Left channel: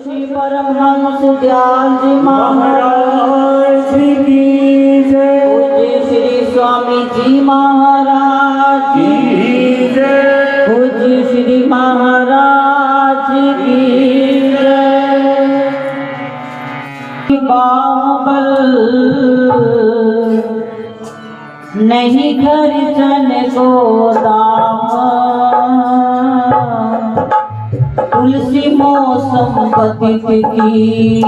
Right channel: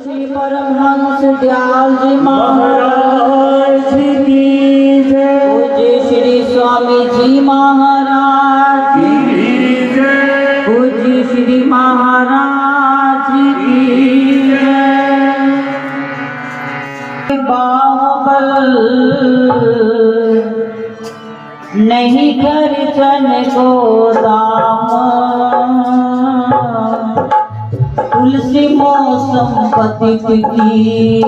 श्री परमहंस दयाल जी महाराज की जय। पूज्य श्री स्वामी जी महाराज की जय। पूज्य श्री महाराज की जय। बाहुबल नहीं खर्चन को दाम, तुलसी मौसम पतित की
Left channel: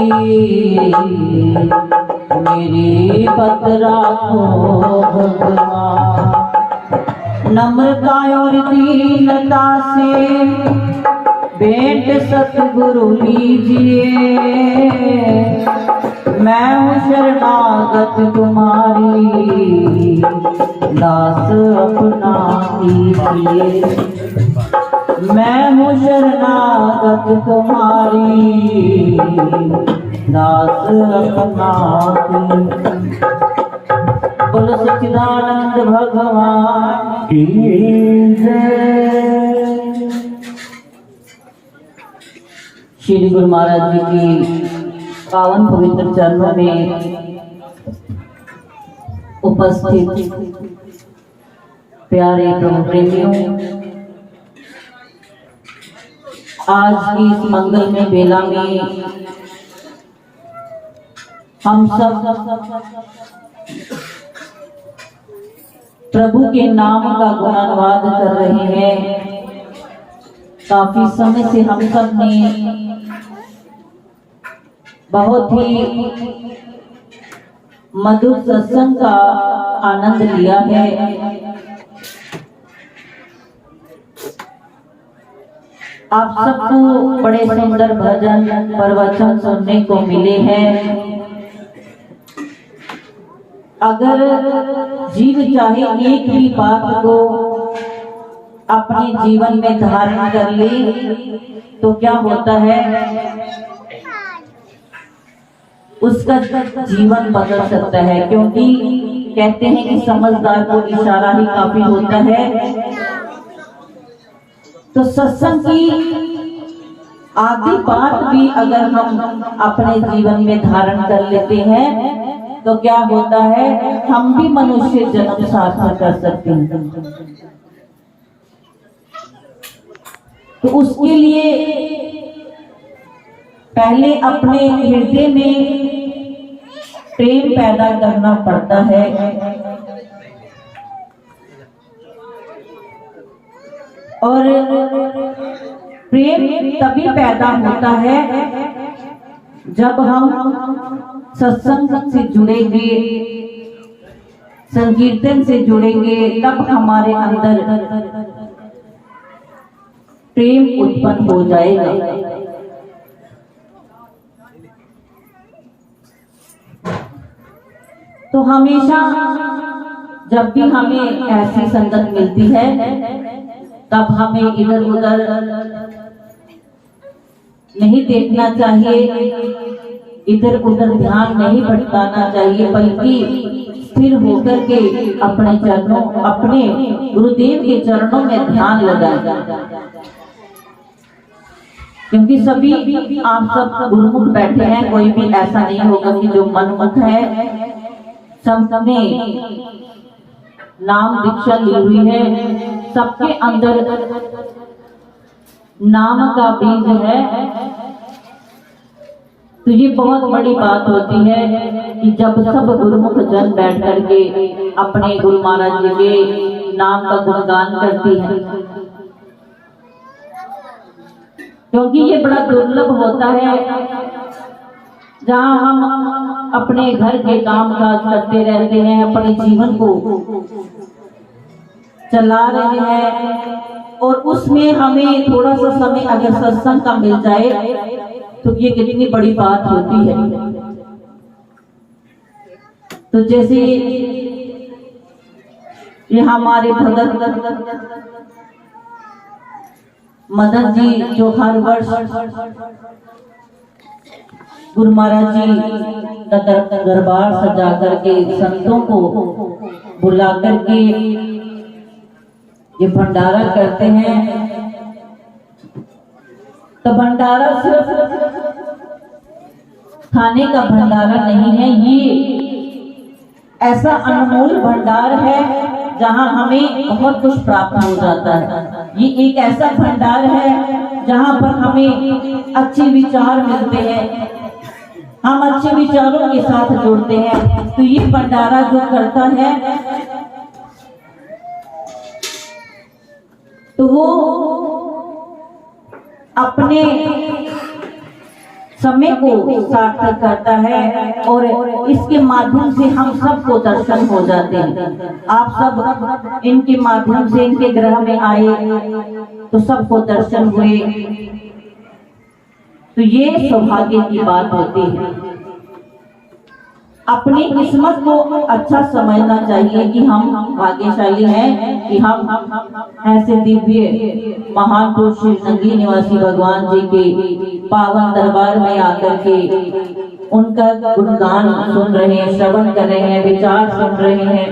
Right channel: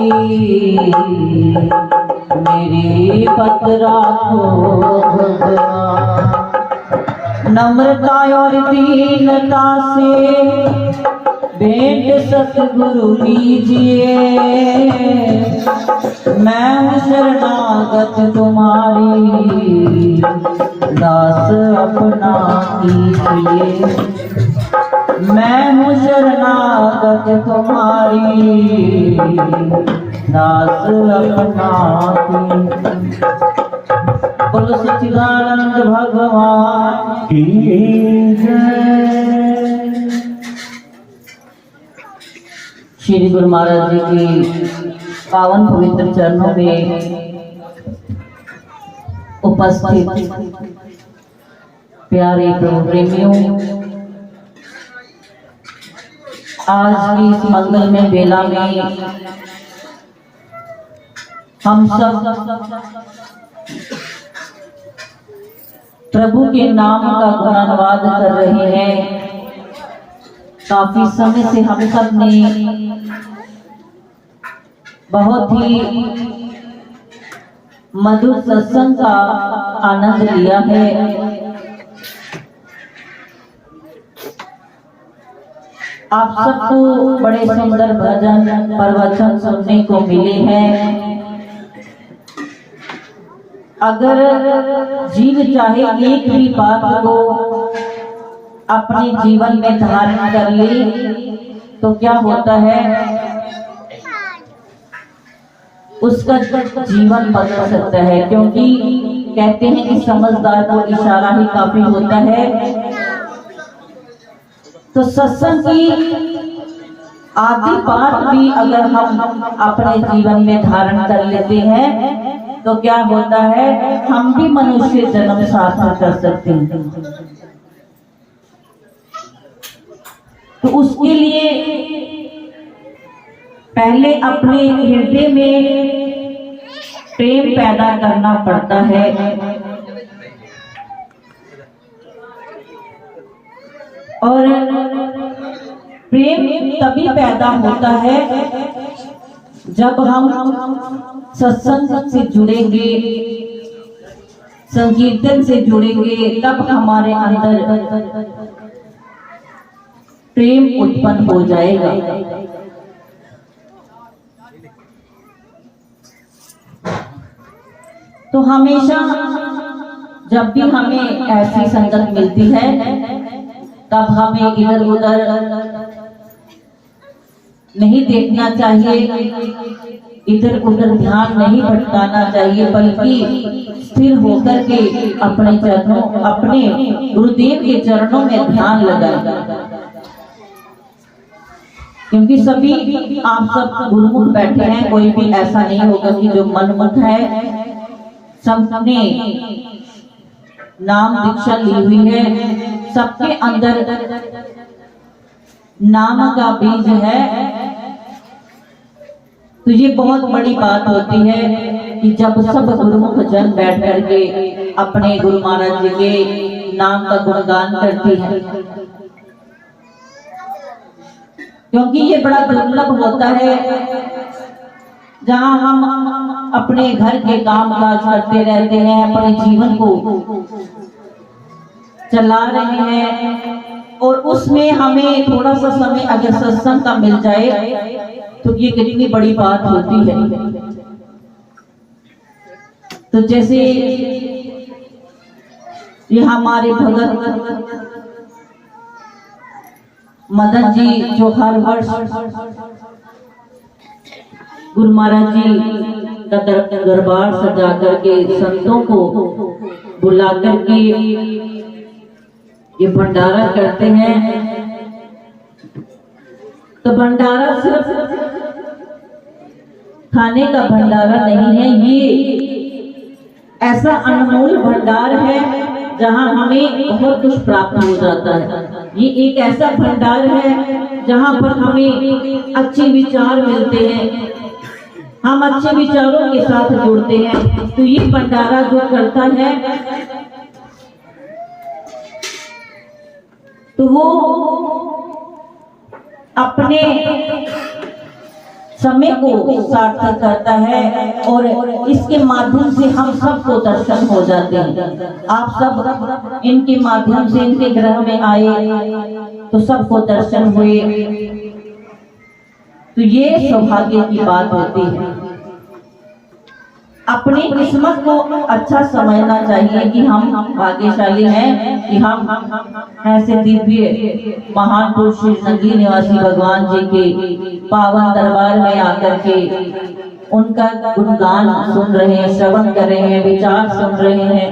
मेरी पत राखो भगवान। नम्रता और दीनता से भेंट सतगुरु लीजिए, मैं हूँ शरणागत तुम्हारी, दास अपना कीजिए। मैं हूँ शरणागत तुम्हारी, दास अपना कीजिए। बोलो सच्चिदानंद भगवान की जय। श्री गुरु महाराज जी की पावन पवित्र चरणों में उपस्थित प्यारे प्रभु प्रेमियों, आज की इस मंगलमय बेला में हम सब प्रभु के नाम का गुणानुवाद कर रहे हैं। काफी समय से हम सब ने बहुत ही मधुर सत्संग का आनंद लिया है। आप सबको बड़े सुंदर भजन प्रवचन सुनने को मिले हैं। अगर जीव चाहे एक भी बात को अपने जीवन में धारण कर ले तो क्या होता है, उसका जीवन बदल सकता है। क्योंकि कहते हैं कि समझदार को इशारा ही काफी होता है। तो सत्संग की आधी बात भी अगर हम अपने जीवन में धारण कर लेते हैं तो क्या होता है, हम भी मनुष्य जन्म सार्थक कर सकते हैं। तो उसके लिए पहले अपने हृदय में प्रेम पैदा करना पड़ता है। और प्रेम तभी पैदा होता है जब हम सत्संग से जुड़ेंगे, संकीर्तन से जुड़ेंगे, तब हमारे अंदर प्रेम उत्पन्न हो जाएगा। तो हमेशा जब भी हमें ऐसी संगत मिलती है तब हमें इधर उधर नहीं देखना चाहिए, इधर उधर ध्यान नहीं भटकाना चाहिए, बल्कि स्थिर होकर के अपने चरणों, अपने गुरुदेव के चरणों में ध्यान लगाएं। क्योंकि सभी आप सब गुरुमुख बैठे हैं, कोई भी ऐसा नहीं होगा कि जो मनमुख है। सबने नाम दीक्षा ली हुई है, सबके अंदर नाम का बीज है। तो ये बहुत बड़ी बात होती है कि जब सब गुरुमुख जन बैठ करके अपने गुरु महाराज जी के नाम का गुणगान करती है। क्योंकि ये बड़ा दुर्लभ होता है जहाँ हम अपने घर के काम काज करते रहते हैं, अपने जीवन को चला रहे हैं, और उसमें हमें थोड़ा सा समय अगर सत्संग का मिल जाए तो ये कितनी बड़ी बात होती है। तो जैसे ये हमारे भगत मदन जी जो हर वर्ष गुरु महाराज जी का दरबार सजा करके संतों को बुला करके ये भंडारा करते हैं। तो भंडारा सिर्फ खाने का भंडारा नहीं है, ये ऐसा अनमोल भंडार है जहाँ हमें बहुत कुछ प्राप्त हो जाता है। ये एक ऐसा भंडार है जहाँ पर हमें अच्छे विचार मिलते हैं, हम अच्छे विचारों के साथ जुड़ते हैं। तो ये भंडारा जो करता है तो वो अपने समय को सार्थक करता है और इसके माध्यम से हम सबको दर्शन हो जाते हैं। आप सब इनके माध्यम से इनके ग्रह में आए तो सबको दर्शन हुए, तो ये सौभाग्य की बात होती है। अपनी किस्मत को अच्छा समझना चाहिए कि हम भाग्यशाली हैं कि हम ऐसे दिव्य महान पुरुष श्री संगी निवासी भगवान जी के पावन दरबार में आकर के उनका गुणगान सुन रहे हैं, श्रवण कर रहे हैं, विचार सुन रहे हैं।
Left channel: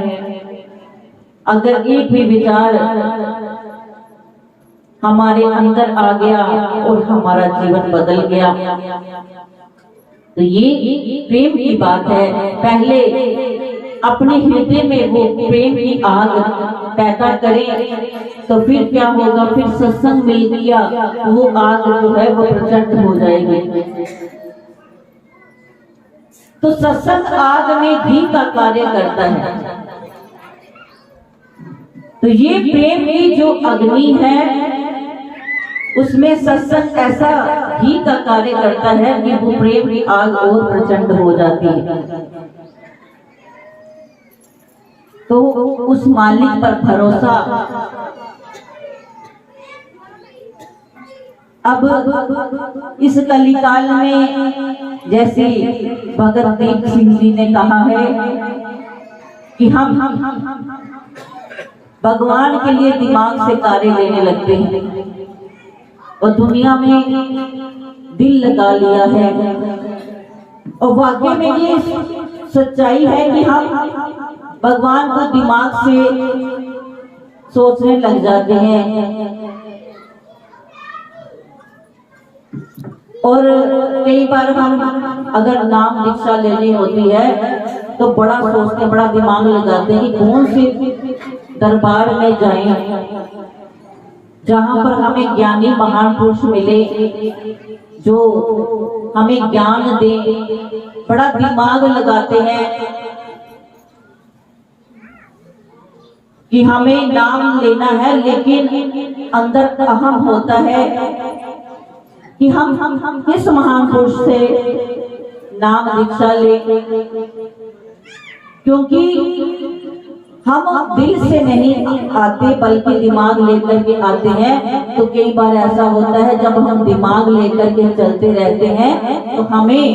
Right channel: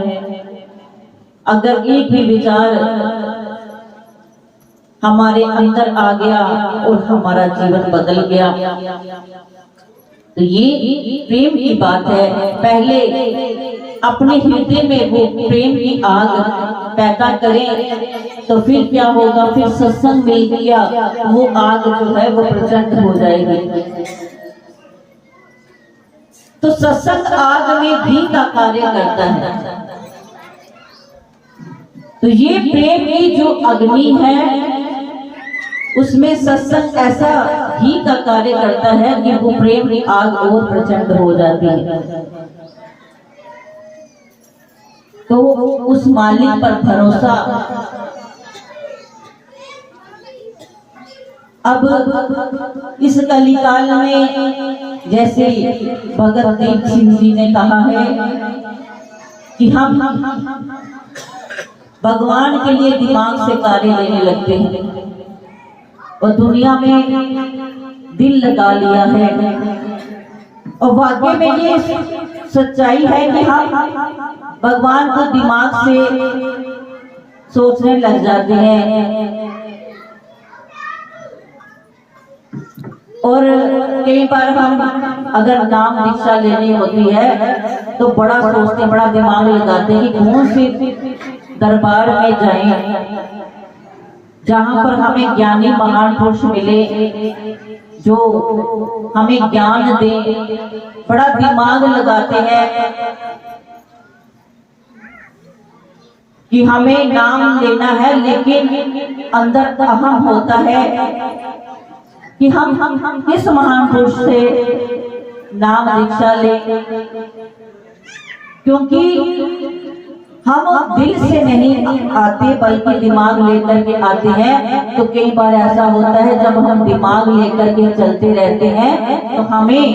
अगर एक भी विचार हमारे अंदर आ गया और हमारा जीवन बदल गया, तो ये प्रेम की बात है। पहले अपने हृदय में वो प्रेम की आग पैदा करें तो फिर क्या होगा, फिर सत्संग मिल गया, वो आग जो है वो प्रचंड हो जाएगी। तो सत्संग आग में घी का कार्य करता है। तो ये प्रेम की जो अग्नि है उसमें सत्संग ऐसा घी का कार्य करता है कि वो प्रेम की आग और प्रचंड हो जाती है। तो उस मालिक पर भरोसा। अब इस कलिकाल में जैसे भगत दीप सिंह जी ने कहा है कि हम भगवान के लिए दिमाग से कार्य लेने लगते हैं और दुनिया में दिल लगा लिया है। और वाकई में ये सच्चाई है कि हम भगवान को दिमाग से सोचने लग जाते हैं और कई बार हम अगर नाम दीक्षा लेनी होती है तो बड़ा सोचते, बड़ा दिमाग लगाते हैं कि कौन से दरबार में जाएं जहाँ पर हमें ज्ञानी महान पुरुष मिले जो हमें ज्ञान दे। बड़ा दिमाग लगाते हैं कि हमें नाम लेना है, लेकिन अंदर अहम होता है कि हम किस महान पुरुष से नाम दीक्षा ले, क्योंकि हम दिल से नहीं आते बल्कि दिमाग लेकर के आते हैं। तो कई बार ऐसा होता है जब हम दिमाग लेकर के चलते रहते हैं तो हमें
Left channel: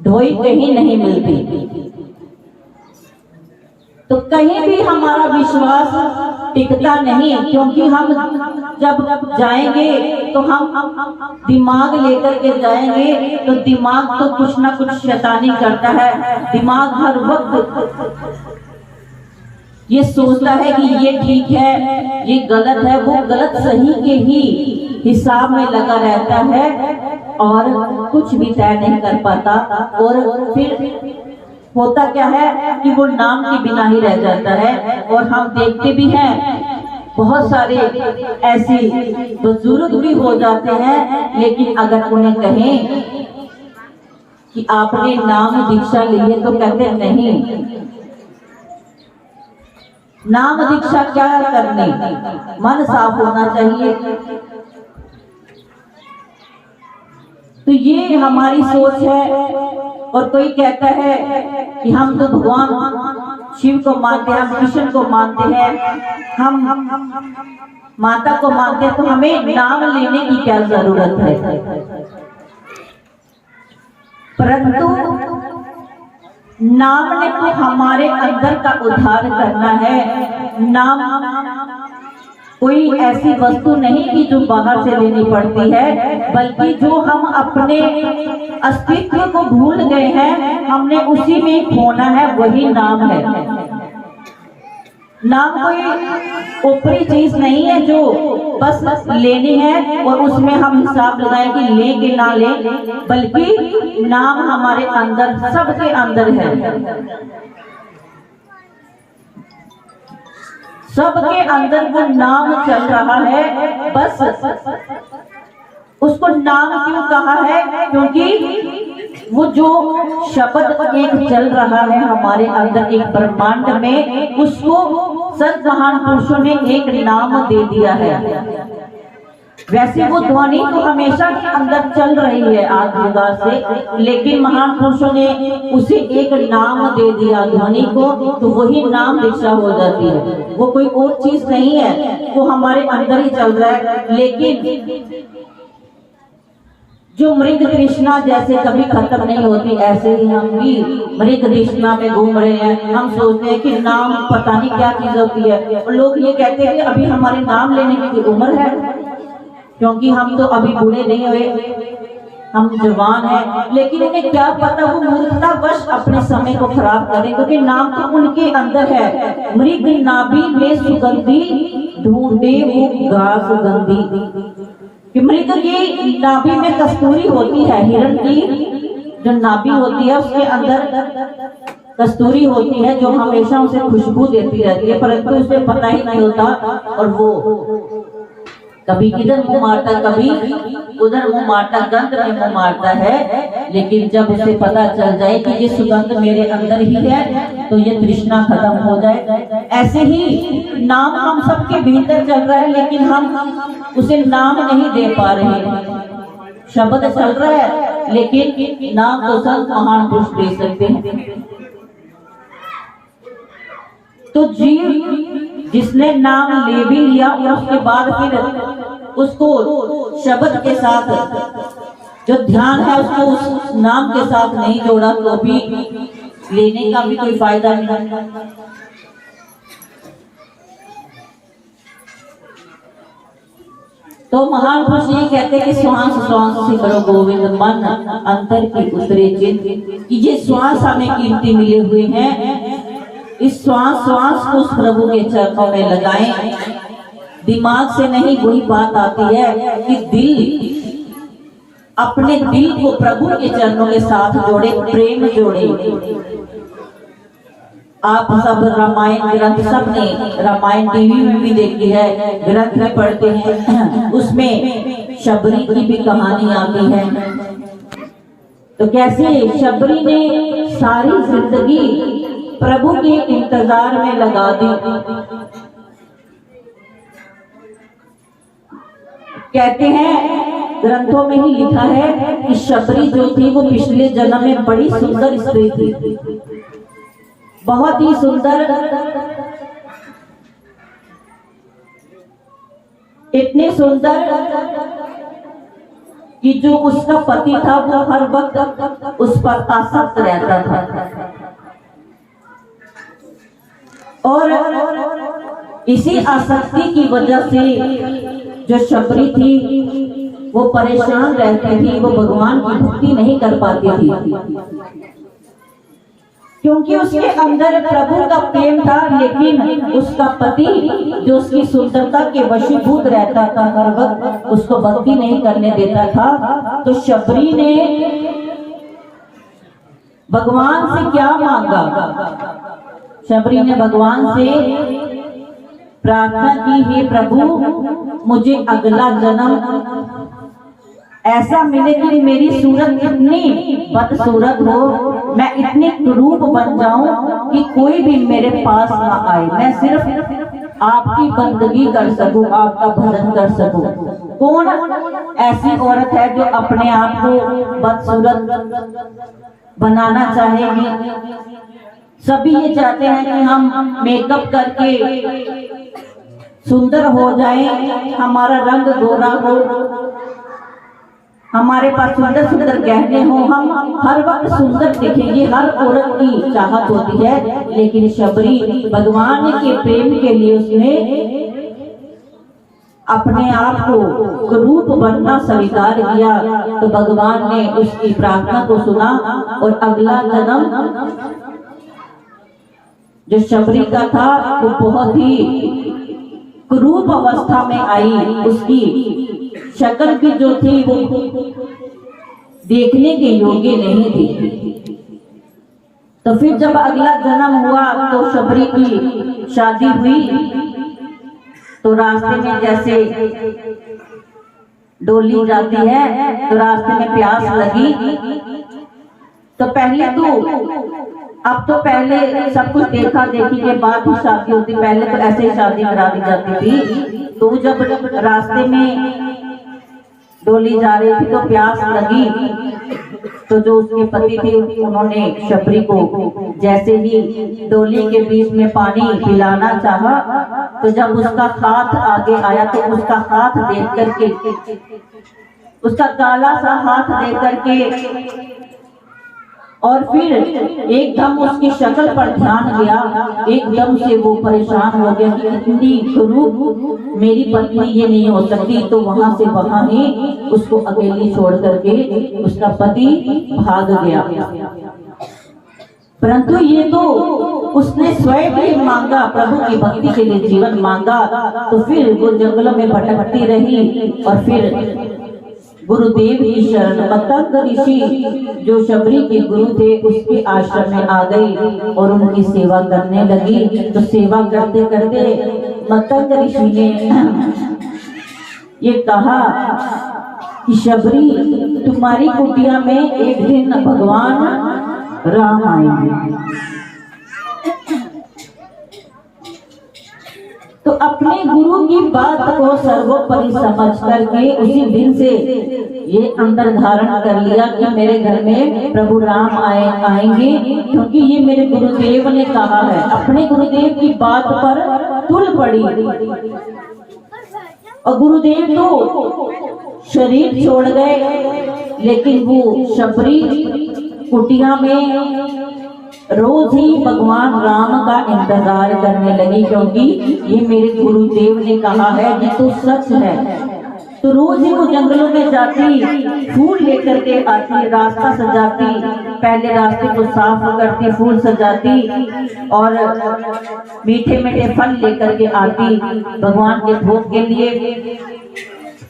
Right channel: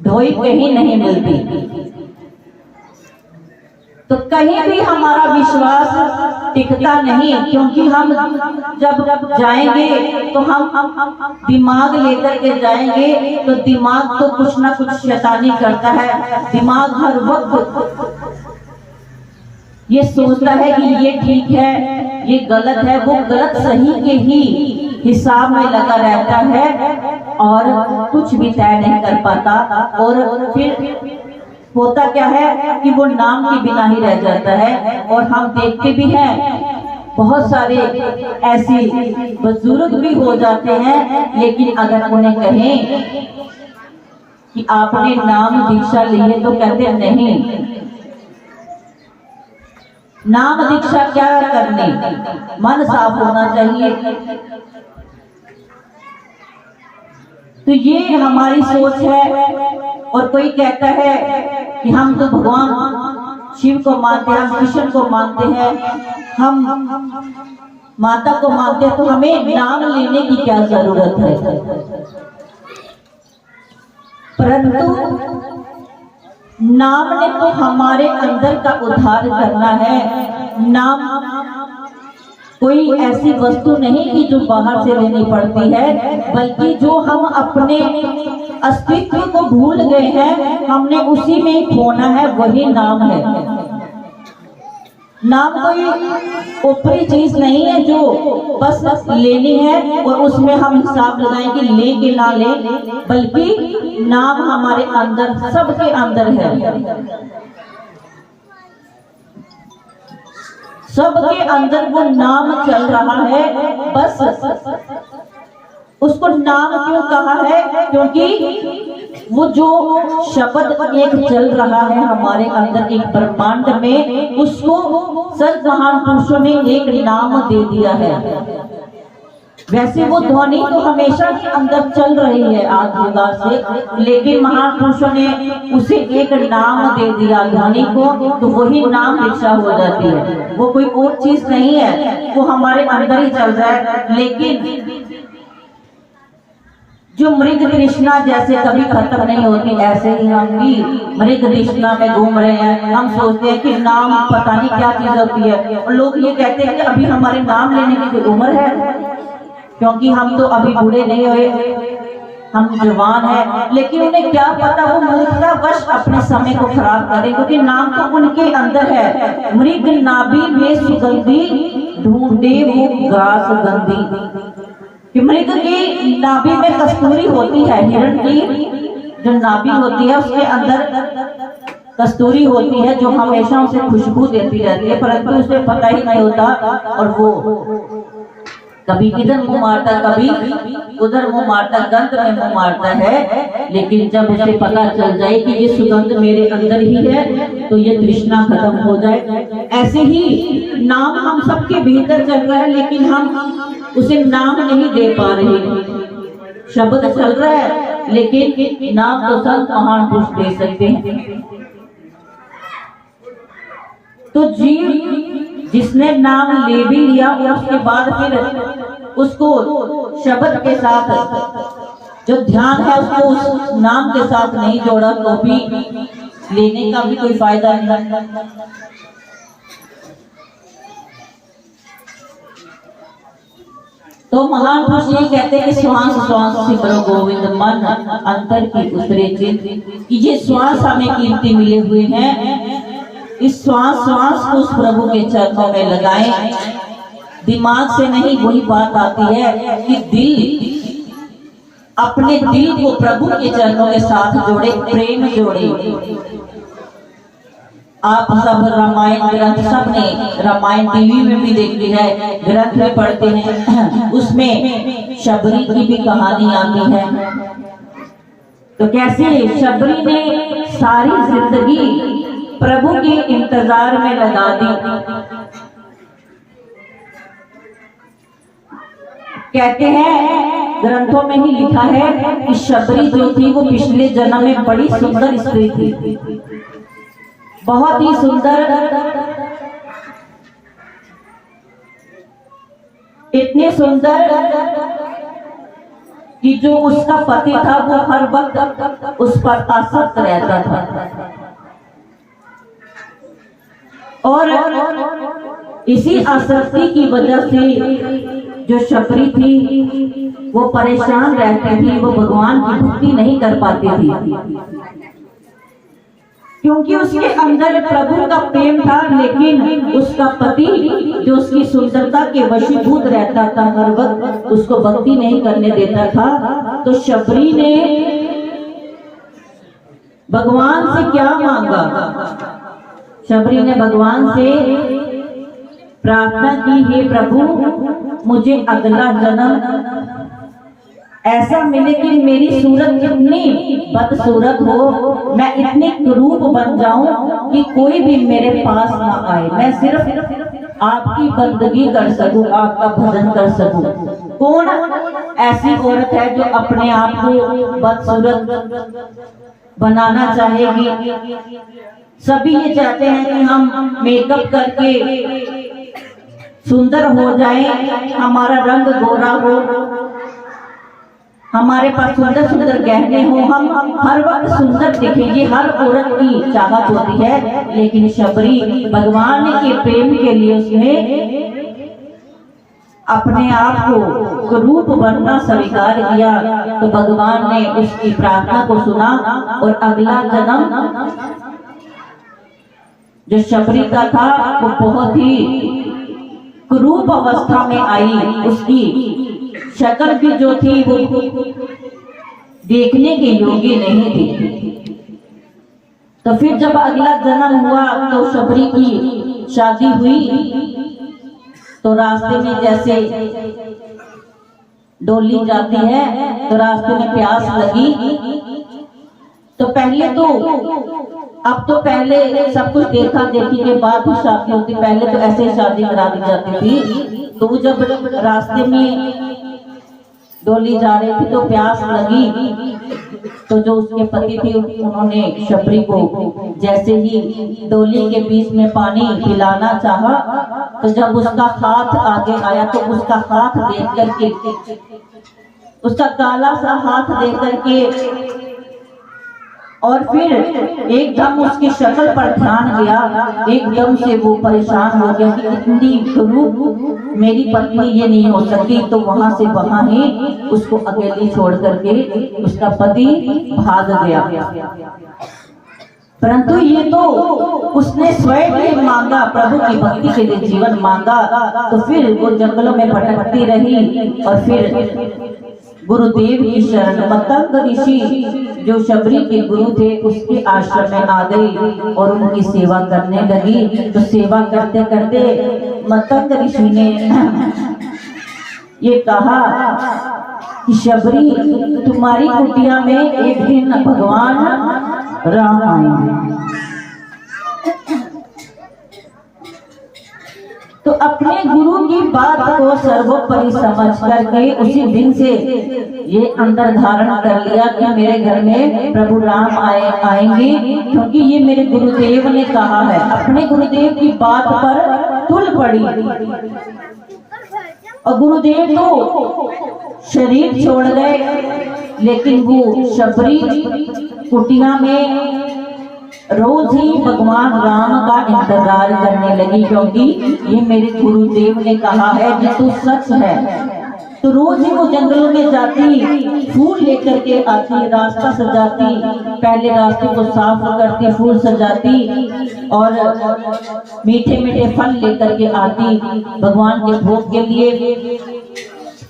ढोई कहीं नहीं मिलती, तो कहीं भी हमारा विश्वास टिकता नहीं, क्योंकि हम जब जाएंगे तो हम दिमाग लेकर के जाएंगे तो दिमाग तो कुछ ना कुछ शैतानी करता है। दिमाग हर वक्त ये सोचता है कि ये ठीक है, ये गलत है, वो गलत सही के ही हिसाब में लगा रहता है और कुछ भी तय नहीं कर पाता। और फिर होता क्या है कि वो नाम के बिना ही रह जाता है। और हम देखते भी हैं बहुत सारे ऐसे बुजुर्ग भी हो जाते हैं, लेकिन अगर उन्हें कहें कि आपने नाम दीक्षा ली है तो कहते नहीं, नाम दीक्षा क्या करने, मन साफ होना चाहिए। तो ये हमारी सोच है। और कोई कहता है कि हम तो भगवान शिव को मानते हैं, हम कृष्ण को मानते हैं, हम माता को मानते हैं, तो हमें नाम लेने की क्या जरूरत है। परंतु नाम ने तो हमारे अंदर का उद्धार करना है। नाम कोई ऐसी वस्तु नहीं कि जो बाहर से लेनी पड़ती है, बल्कि जो हम अपने अस्तित्व को भूल गए हैं, हमने उसी में खोना है, वही नाम है। नाम कोई ऊपरी चीज नहीं है जो बस लेनी है और उसमें हम हिसाब लगाएं कि ले कि ना ले, बल्कि नाम हमारे अंदर, सबके अंदर है। सबके अंदर वो नाम चल रहा है। बस उसको नाम क्यों कहा है? क्योंकि वो जो शब्द एक चल रहा है हमारे अंदर, एक ब्रह्मांड में, उसको संत महापुरुषों ने एक नाम दे दिया है। वैसे वो ध्वनि तो हमेशा के अंदर चल रही है आदियुगा से, लेकिन महापुरुषों ने उसे एक नाम दे दिया ध्वनि को, तो वही नाम दीक्षा हो जाती है। वो कोई और चीज नहीं है, वो हमारे अंदर ही चल रहा है। लेकिन जो मृग तृष्णा जैसे कभी खत्म नहीं होती, ऐसे ही हम भी मृग तृष्णा में घूम रहे हैं। हम सोचते हैं कि नाम पता नहीं क्या चीज होती है, और लोग ये कहते हैं कि अभी हमारे नाम लेने की कोई उम्र है, क्योंकि हम तो अभी बूढ़े नहीं हुए, हम जवान हैं। लेकिन उन्हें क्या पता, वो मूर्खतावश अपने समय को खराब करें, क्योंकि नाम तो उनके अंदर है। मृग नाभि में सुगंधी ढूंढे वो घास गंधी। मृग की नाभि में कस्तूरी होती है, हिरण की जो नाभि होती है उसके अंदर कस्तूरी होती है, जो हमेशा उसे खुशबू देती रहती है, परंतु उसे पता ही नहीं होता, और वो कभी इधर मुंह मारता, कभी उधर मुंह मारता, गंध में मुंह मारता है। लेकिन जब उसे पता चल जाए कि ये सुगंध मेरे अंदर ही है, तो ये तृष्णा खत्म हो जाए। ऐसे ही नाम हम सबके भीतर चल रहा है, लेकिन हम उसे नाम नहीं दे पा रहे। शब्द चल रहा है, लेकिन नाम तो संत महान पुरुष दे सकते हैं। तो जीव जिसने नाम ले भी लिया, उसके बाद फिर उसको शब्द के साथ जो ध्यान है उसको उस नाम के साथ नहीं जोड़ा, तो भी लेने का भी कोई फायदा नहीं। तो महान पुरुष ये कहते हैं कि श्वास श्वास से करो गोविंद मन, अंतर की उतरे चिंत। कि ये श्वास हमें कीमती मिले हुए हैं, इस श्वास श्वास को उस प्रभु के चरणों में लगाएं। दिमाग से नहीं, वही बात आती है कि दिल, अपने दिल को प्रभु के चरणों के साथ जोड़े, प्रेम जोड़े। आप सब रामायण ग्रंथ, सबने रामायण टीवी में भी देखी है, ग्रंथ में पढ़ते हैं, उसमें शबरी की भी कहानी आती है। तो कैसे शबरी ने सारी जिंदगी प्रभु के इंतजार में लगा दी। कहते हैं, ग्रंथों में ही लिखा है कि शबरी जो थी वो पिछले जन्म में बड़ी सुंदर स्त्री थी, बहुत ही सुंदर, इतने सुंदर कि जो उसका पति था वो हर वक्त उस पर आसक्त रहता था। और इसी आसक्ति की वजह से जो शबरी थी वो परेशान रहती थी, वो भगवान की भक्ति नहीं कर पाती थी, क्योंकि उसके अंदर प्रभु का प्रेम था। लेकिन उसका पति जो उसकी सुंदरता के वशीभूत रहता था, हर वक्त उसको भक्ति नहीं करने देता था। तो शबरी ने भगवान से क्या मांगा? शबरी ने भगवान से प्रार्थना की, हे प्रभु मुझे अगला जन्म ऐसा मिले कि मेरी सूरत इतनी बदसूरत हो, मैं इतनी क्रूप बन जाऊं कि कोई भी मेरे पास ना आए, मैं सिर्फ आपकी बंदगी कर सकूं, आपका भजन कर सकूं। कौन ऐसी औरत है जो अपने आप को बदसूरत बनाना चाहेगी? सभी ये चाहते हैं कि हम मेकअप करके सुंदर हो जाएं, हमारा रंग गोरा हो, हमारे पास सुंदर सुंदर गहने हो, हम हर वक्त सुंदर दिखेंगे, हर औरत की चाहत होती है। लेकिन शबरी भगवान के प्रेम के लिए उसने अपने आप को रूप बनना स्वीकार किया। तो भगवान ने उसकी प्रार्थना को सुना और अगला जन्म जो शबरी का था वो बहुत ही कुरूप अवस्था में आई। उसकी शक्ल भी जो थी वो देखने के योग्य नहीं थी। तो फिर जब अगला जन्म हुआ तो शबरी की शादी हुई। तो रास्ते में जैसे डोली जाती है तो रास्ते में प्यास लगी। तो पहले तो अब तो पहले सब कुछ देखा देखी के बाद ही शादी होती, पहले तो ऐसे शादी करा दी जाती थी। तो जब रास्ते में डोली जा रही थी तो प्यास लगी। तो जो उसके पति थे उन्होंने शबरी को जैसे ही डोली के बीच में पानी पिलाना चाहा, तो जब उसका हाथ आगे आया तो उसका हाथ देख करके, उसका काला सा हाथ देख करके और फिर एकदम उसकी शक्ल पर ध्यान गया। एकदम से वो परेशान हो गया कि इतनी कुरूप मेरी पत्नी ये नहीं हो सकती। तो वहां से वहां ही उसको अकेली छोड़ करके उसका पति भाग गया। परंतु ये तो उसने स्वयं ही मांगा, प्रभु की भक्ति के लिए जीवन मांगा। तो फिर वो जंगलों में भटकती रही और फिर गुरुदेव की शरण मतंग ऋषि जो शबरी के गुरु थे उसके आश्रम में आ गई और उनकी सेवा करने लगी। तो सेवा करते करते मतंग ऋषि ने ये कहा कि शबरी, तुम्हारी कुटिया में एक दिन भगवान राम आएंगे। तो अपने गुरु की बात को सर्वोपरि समझ करके उसी दिन से ये अंदर धारण कर लिया कि मेरे घर में प्रभु राम आएंगे, क्योंकि ये मेरे गुरुदेव ने कहा है। अपने गुरुदेव की बात पर तुल पड़ी। और गुरुदेव तो शरीर छोड़ गए, लेकिन वो शबरी कुटिया में रोज ही भगवान राम का इंतजार करने लगी, क्योंकि ये मेरे गुरुदेव ने कहा है ये तो सच है। तो रोज ही वो जंगलों में जाती, फूल लेकर के आती, रास्ता सजाती, पहले रास्ते को साफ करती, फूल सजाती और मीठे मीठे फल लेकर के आती भगवान के भोग के लिए।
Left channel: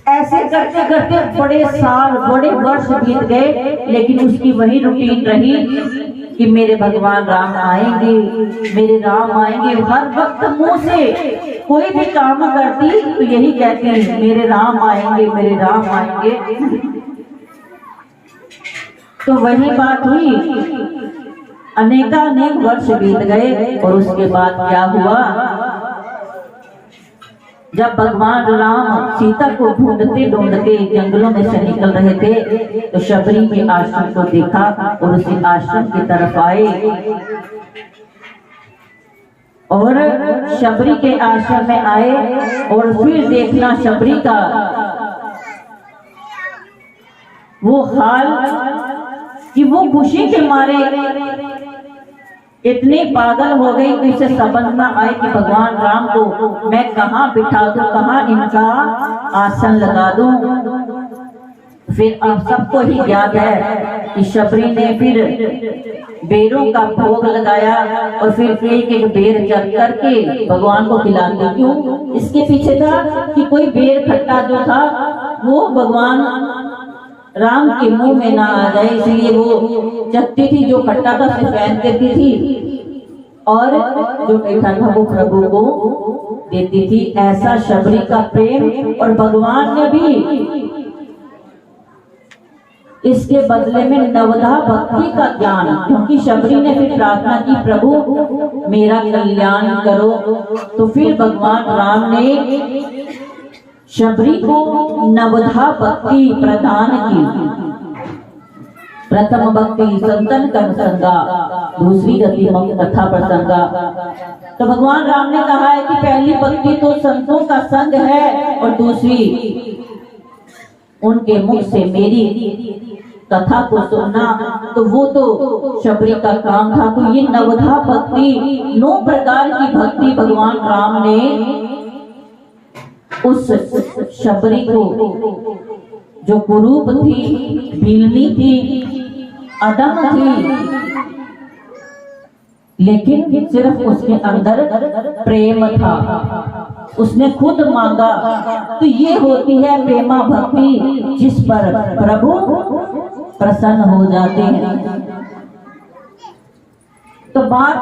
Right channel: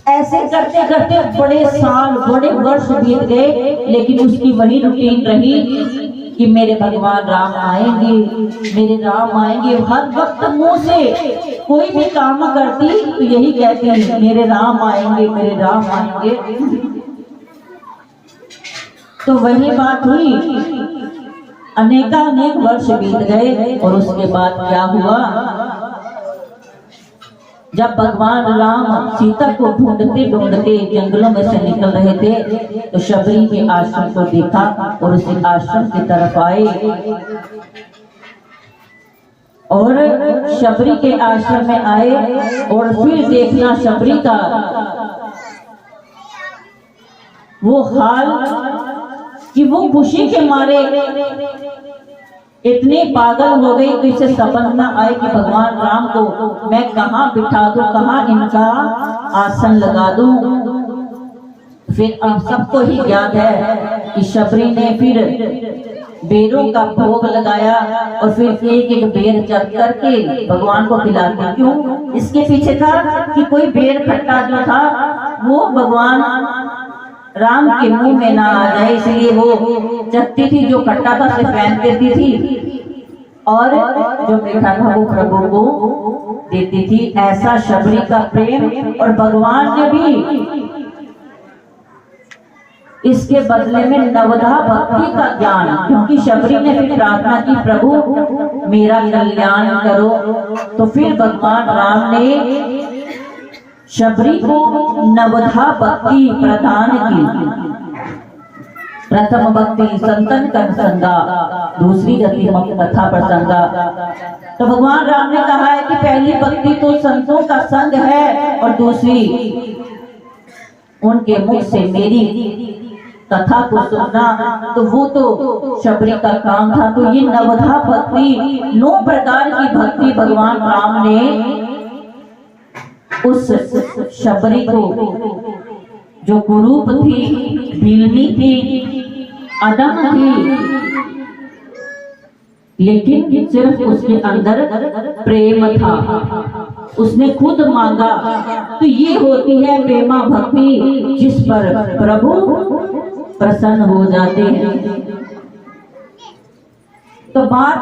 ऐसे करते करते बड़े साल, बड़े वर्ष बीत गए, लेकिन उसकी वही रूटीन रही कि मेरे भगवान राम आएंगे, मेरे राम आएंगे। हर वक्त मुंह से कोई भी काम करती तो यही कहती है, मेरे राम आएंगे, मेरे राम आएंगे। तो वही बात हुई। अनेकानेक वर्ष बीत गए और उसके बाद क्या हुआ, जब भगवान राम सीता को ढूंढते ढूंढते जंगलों में से निकल रहे थे तो शबरी के आश्रम को देखा और उसी आश्रम की तरफ आए। और शबरी के आश्रम में आए और फिर देखना शबरी का वो हाल कि वो खुशी के मारे इतने पागल हो गई कि इसे समझ न आए कि भगवान राम को मैं कहाँ बिठा दूं, कहाँ इनका आसन लगा दूं। फिर आप सबको ही याद है कि शबरी ने फिर बेरों का भोग लगाया और फिर एक एक बेर चख करके भगवान को खिलाती। क्यों? इसके पीछे था कि कोई बेर खट्टा जो था वो भगवान राम के मुंह में ना आ जाए, इसलिए वो चखती थी, जो खट्टा था उसे फेंक देती थी और जो मीठा था वो प्रभु को देती थी। ऐसा शबरी का प्रेम। और भगवान ने भी इसके बदले में नवधा भक्ति का ज्ञान, क्योंकि शबरी ने फिर प्रार्थना की, प्रभु मेरा कल्याण करो। तो फिर भगवान राम ने शबरी को नवधा भक्ति प्रदान की। प्रथम भक्ति संतन कर संगा, दूसरी गति मत कथा प्रसंगा। तो भगवान राम ने कहा है कि पहली भक्ति तो संतों का संग है और दूसरी उनके मुख से मेरी कथा को सुनना। तो वो तो शबरी का काम था। तो ये नवधा भक्ति, 9 प्रकार की भक्ति भगवान राम ने उस शबरी को, जो कुरूप थी, भीलनी थी, अदम थी, लेकिन सिर्फ उसके अंदर प्रेम था, उसने खुद मांगा। तो ये होती है प्रेमा भक्ति, जिस पर प्रभु प्रसन्न हो जाते हैं। तो बात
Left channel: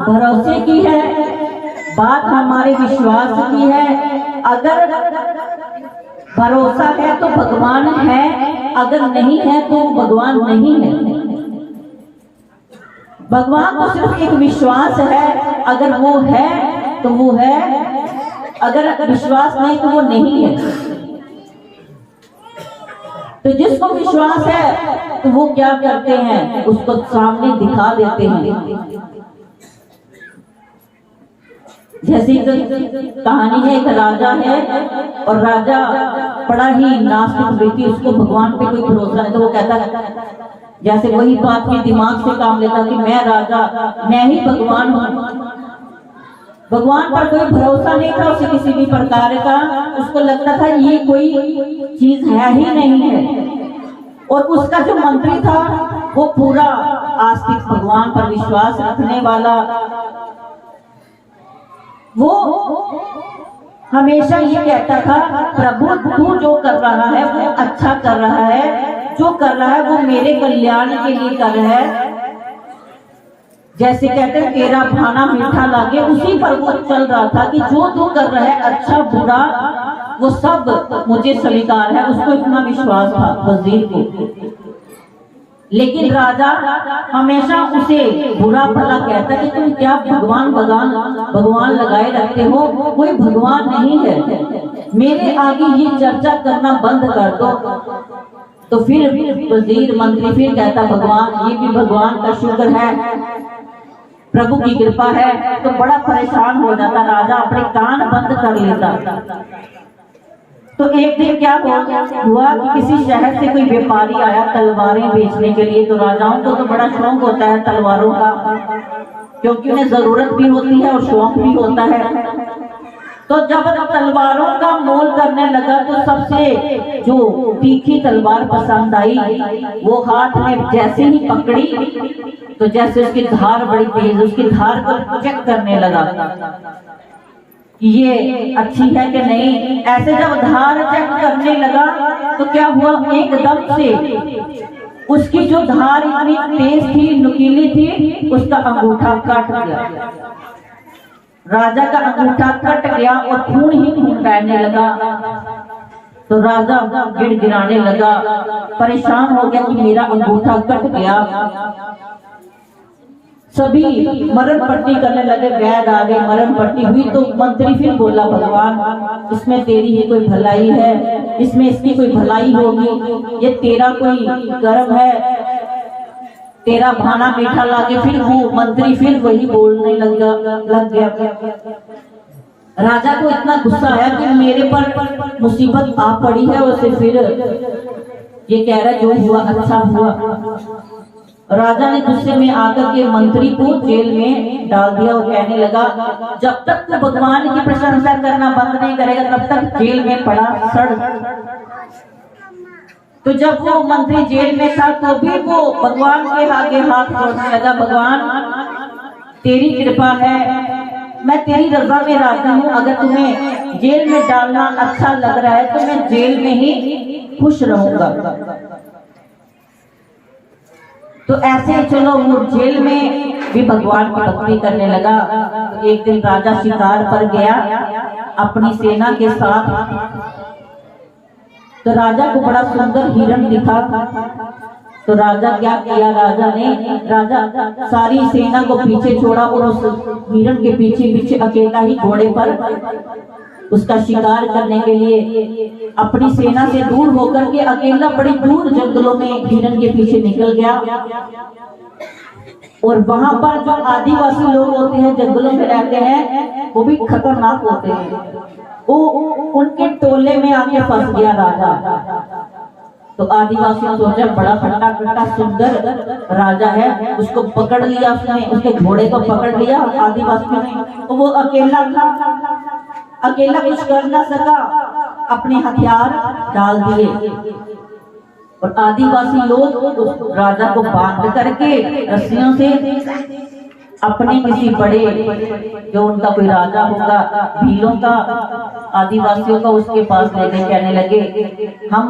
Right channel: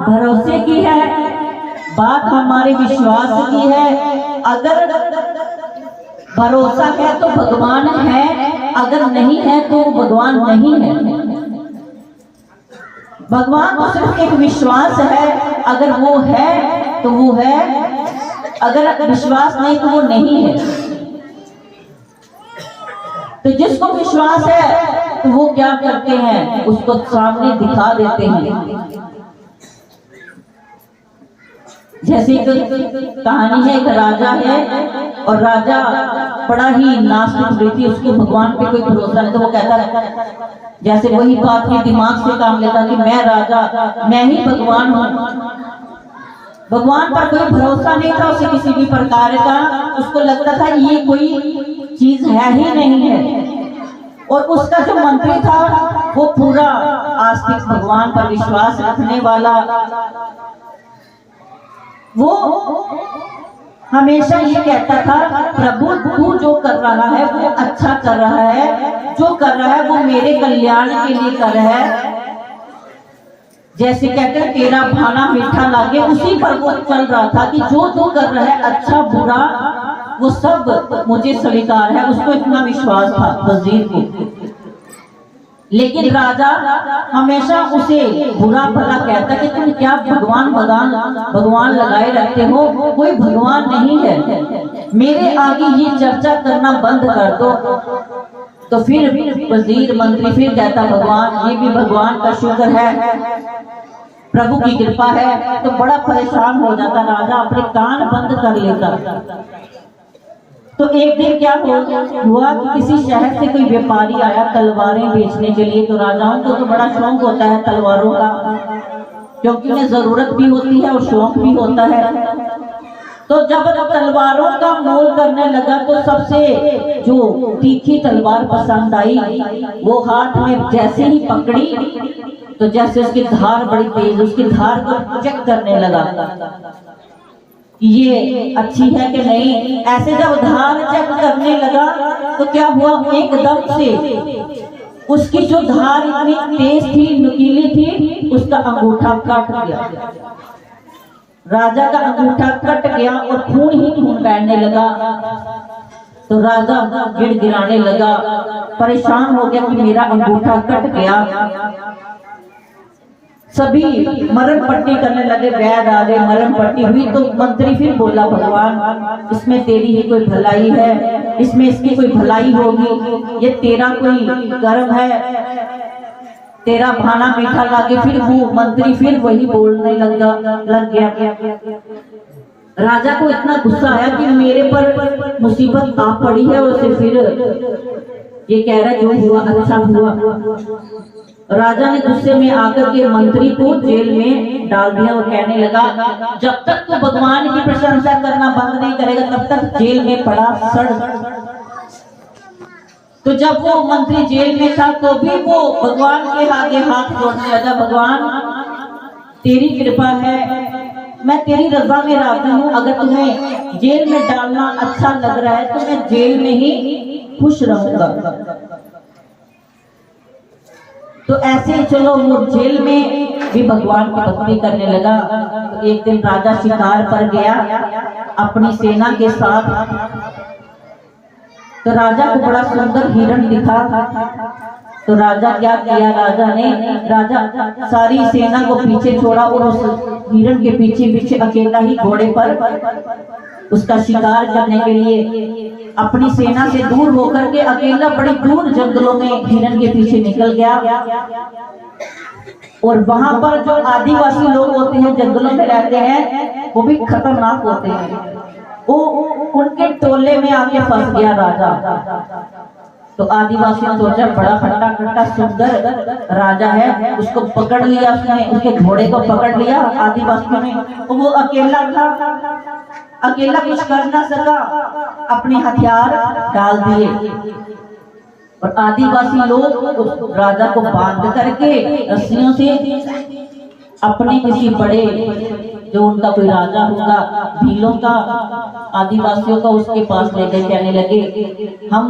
भरोसे की है, बात हमारे विश्वास की है। अगर भरोसा है तो भगवान है, अगर नहीं है तो भगवान नहीं है। भगवान तो सिर्फ एक विश्वास है, अगर वो है तो वो है, अगर विश्वास नहीं तो वो नहीं है। तो जिसको विश्वास है तो वो क्या करते हैं, उसको सामने दिखा देते हैं। जैसे कहानी है, एक राजा है और राजा बड़ा ही नास्तिक व्यक्ति, उसको भगवान पे कोई भरोसा नहीं। तो वो कहता है, जैसे वही बात के दिमाग से काम लेता कि मैं राजा, मैं ही भगवान हूँ। भगवान पर कोई भरोसा नहीं था उसे किसी भी प्रकार का, उसको लगता था ये कोई चीज है ही नहीं है। और उसका जो मंत्री था वो पूरा आस्तिक, भगवान पर विश्वास रखने वाला, वो हमेशा ये कहता था, प्रभु तू जो कर रहा है वो अच्छा कर रहा है, जो कर रहा है वो मेरे कल्याण के लिए कर रहा है। जैसे कहते हैं तेरा भाना मीठा लागे, उसी पर वो चल रहा था कि जो तू कर रहा है अच्छा बुरा वो सब मुझे स्वीकार है। उसको इतना विश्वास था वजीर को। लेकिन राजा हमेशा उसे बुरा भला कहता कि तुम क्या भगवान भगवान भगवान लगाए रखते हो, कोई भगवान नहीं है, मेरे आगे ये चर्चा करना बंद कर दो। तो फिर वजीर मंत्री फिर कहता, भगवान ये भी भगवान का शुक्र है, प्रभु की कृपा है। तो बड़ा परेशान हो जाता राजा, अपने कान बंद कर लेता। तो एक दिन क्या हुआ कि किसी शहर से कोई व्यापारी आया तलवारें बेचने के लिए। तो राजाओं को तो बड़ा शौक होता है तलवारों का, क्योंकि उन्हें जरूरत भी होती है और शौक भी होता है। तो जब तलवारों का मोल करने लगा तो सबसे जो तीखी तलवार पसंद आई, वो हाथ में जैसे ही पकड़ी तो जैसे उसकी धार बड़ी तेज, उसकी धार को चेक करने लगा कि ये अच्छी है कि नहीं। ऐसे जब धार चेक करने लगा तो क्या हुआ, एकदम से उसकी जो धार इतनी तेज थी, नुकीली थी, उसका अंगूठा कट गया। राजा का अंगूठा कट गया और खून ही खून बहने लगा। तो राजा गिड़गिड़ाने लगा, परेशान हो गया कि मेरा अंगूठा कट गया। सभी मरण पट्टी करने लगे, वैद आ गए, मरण पट्टी हुई। तो मंत्री फिर बोला, भगवान इसमें तेरी ही कोई भलाई है, इसमें इसकी कोई भलाई होगी, ये तेरा कोई कर्म है, तेरा भाना मीठा लागे। फिर वो मंत्री फिर वही बोलने लग गया। राजा को इतना गुस्सा आया कि मेरे पर मुसीबत आ पड़ी है, और उसे फिर ये कह रहा जो हुआ अच्छा हुआ। राजा ने गुस्से में आकर के मंत्री को जेल में डाल दिया और कहने लगा, जब तक तू भगवान की प्रशंसा करना बंद नहीं करेगा तब तक जेल में पड़ा सड़। तो जब वो मंत्री जेल में था तो भी वो भगवान के आगे हाथ जोड़ने लगा, भगवान तेरी कृपा है, मैं तेरी रजा में राजी हूँ, अगर तुम्हें जेल में डालना अच्छा लग रहा है तो मैं जेल में ही खुश रहूंगा। तो ऐसे चलो वो जेल में भी भगवान की भक्ति करने लगा। तो एक दिन राजा शिकार पर गया अपनी सेना के साथ। तो राजा को बड़ा सुंदर हिरण दिखा। तो राजा क्या किया, राजा सारी सेना को पीछे छोड़ा और उस हिरण के पीछे पीछे अकेला ही घोड़े पर उसका शिकार करने के लिए अपनी सेना से दूर होकर के अकेला बड़ी दूर जंगलों में हिरण के पीछे निकल गया। और वहां पर जो आदिवासी लोग होते हैं, जंगलों में रहते हैं, वो भी खतरनाक होते हैं। वो उनके टोले में आके फंस गया राजा। तो आदिवासी ने सोचा बड़ा खट्टा खट्टा सुंदर राजा है, उसको पकड़ लिया उसने, उसके घोड़े को पकड़ लिया आदिवासियों ने। तो वो अकेला कुछ कर न सका, अपने हथियार डाल दिए और आदिवासी लोग राजा को बांध करके रस्सियों से अपने किसी बड़े, जो उनका कोई राजा होगा भीलों का, आदिवासियों का, उसके पास ले गए। कहने लगे हम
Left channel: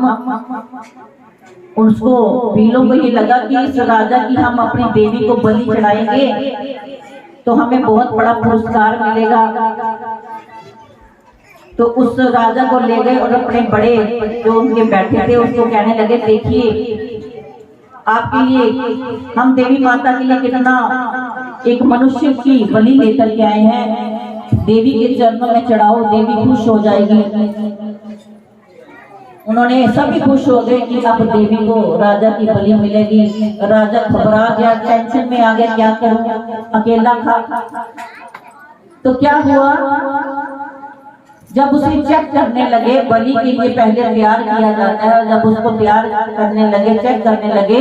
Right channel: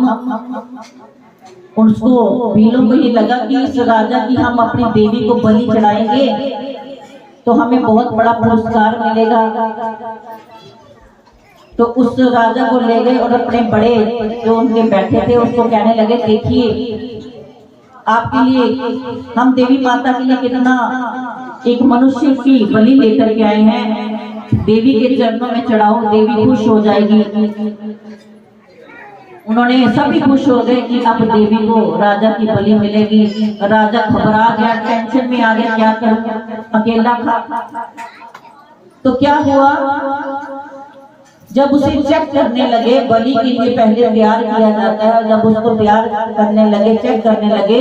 उसको, भीलों को ये लगा कि इस राजा की हम अपनी देवी को बलि चढ़ाएंगे तो हमें बहुत बड़ा पुरस्कार मिलेगा। तो उस राजा को ले गए और अपने बड़े जो उनके बैठे थे उसको कहने लगे, देखिए आपके लिए हम देवी माता के लिए कितना एक मनुष्य की बलि लेकर के आए हैं, देवी के चरणों में चढ़ाओ, देवी खुश हो जाएगी। उन्होंने सभी खुश हो गए कि अब देवी को राजा की बलि मिलेगी। राजा घबरा गया, टेंशन में आ गया, क्या करूं, अकेला खा। तो क्या हुआ, जब उसे चेक करने लगे, बलि के लिए पहले तैयार किया जाता है, और जब उसको तैयार करने लगे, चेक करने लगे,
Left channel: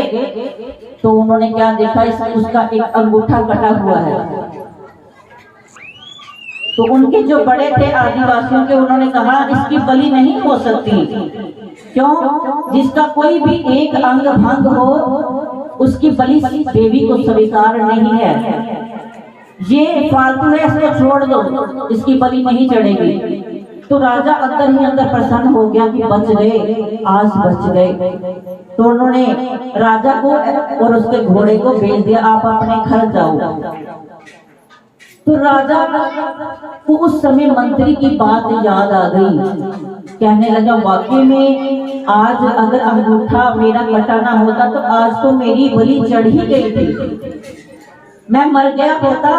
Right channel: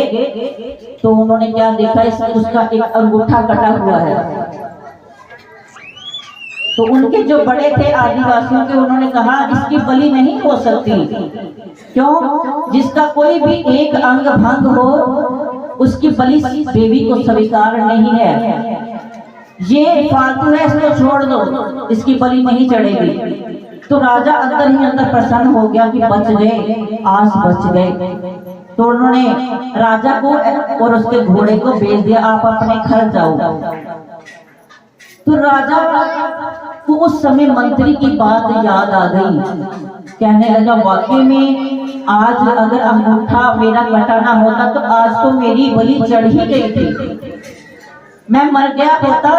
तो उन्होंने क्या देखा, उसका एक अंगूठा कटा हुआ है। तो उनके जो बड़े थे आदिवासियों के, उन्होंने कहा इसकी बलि नहीं हो सकती। क्यों? जिसका कोई भी एक अंग भंग हो उसकी बलि देवी को स्वीकार नहीं है। ये फालतू है, इसको छोड़ दो, इसकी बलि नहीं चढ़ेगी। तो राजा अंदर ही अंदर प्रसन्न हो गया कि बच गए, आज बच गए। तो उन्होंने राजा को और उसके घोड़े को भेज दिया, आप अपने घर जाओ। तो राजा को उस समय मंत्री की बात याद आ गई। कहने लगा, वाकई में आज अगर अंगूठा मेरा कटा ना होता तो आज तो मेरी बलि चढ़ ही गई थी, मैं मर गया होता।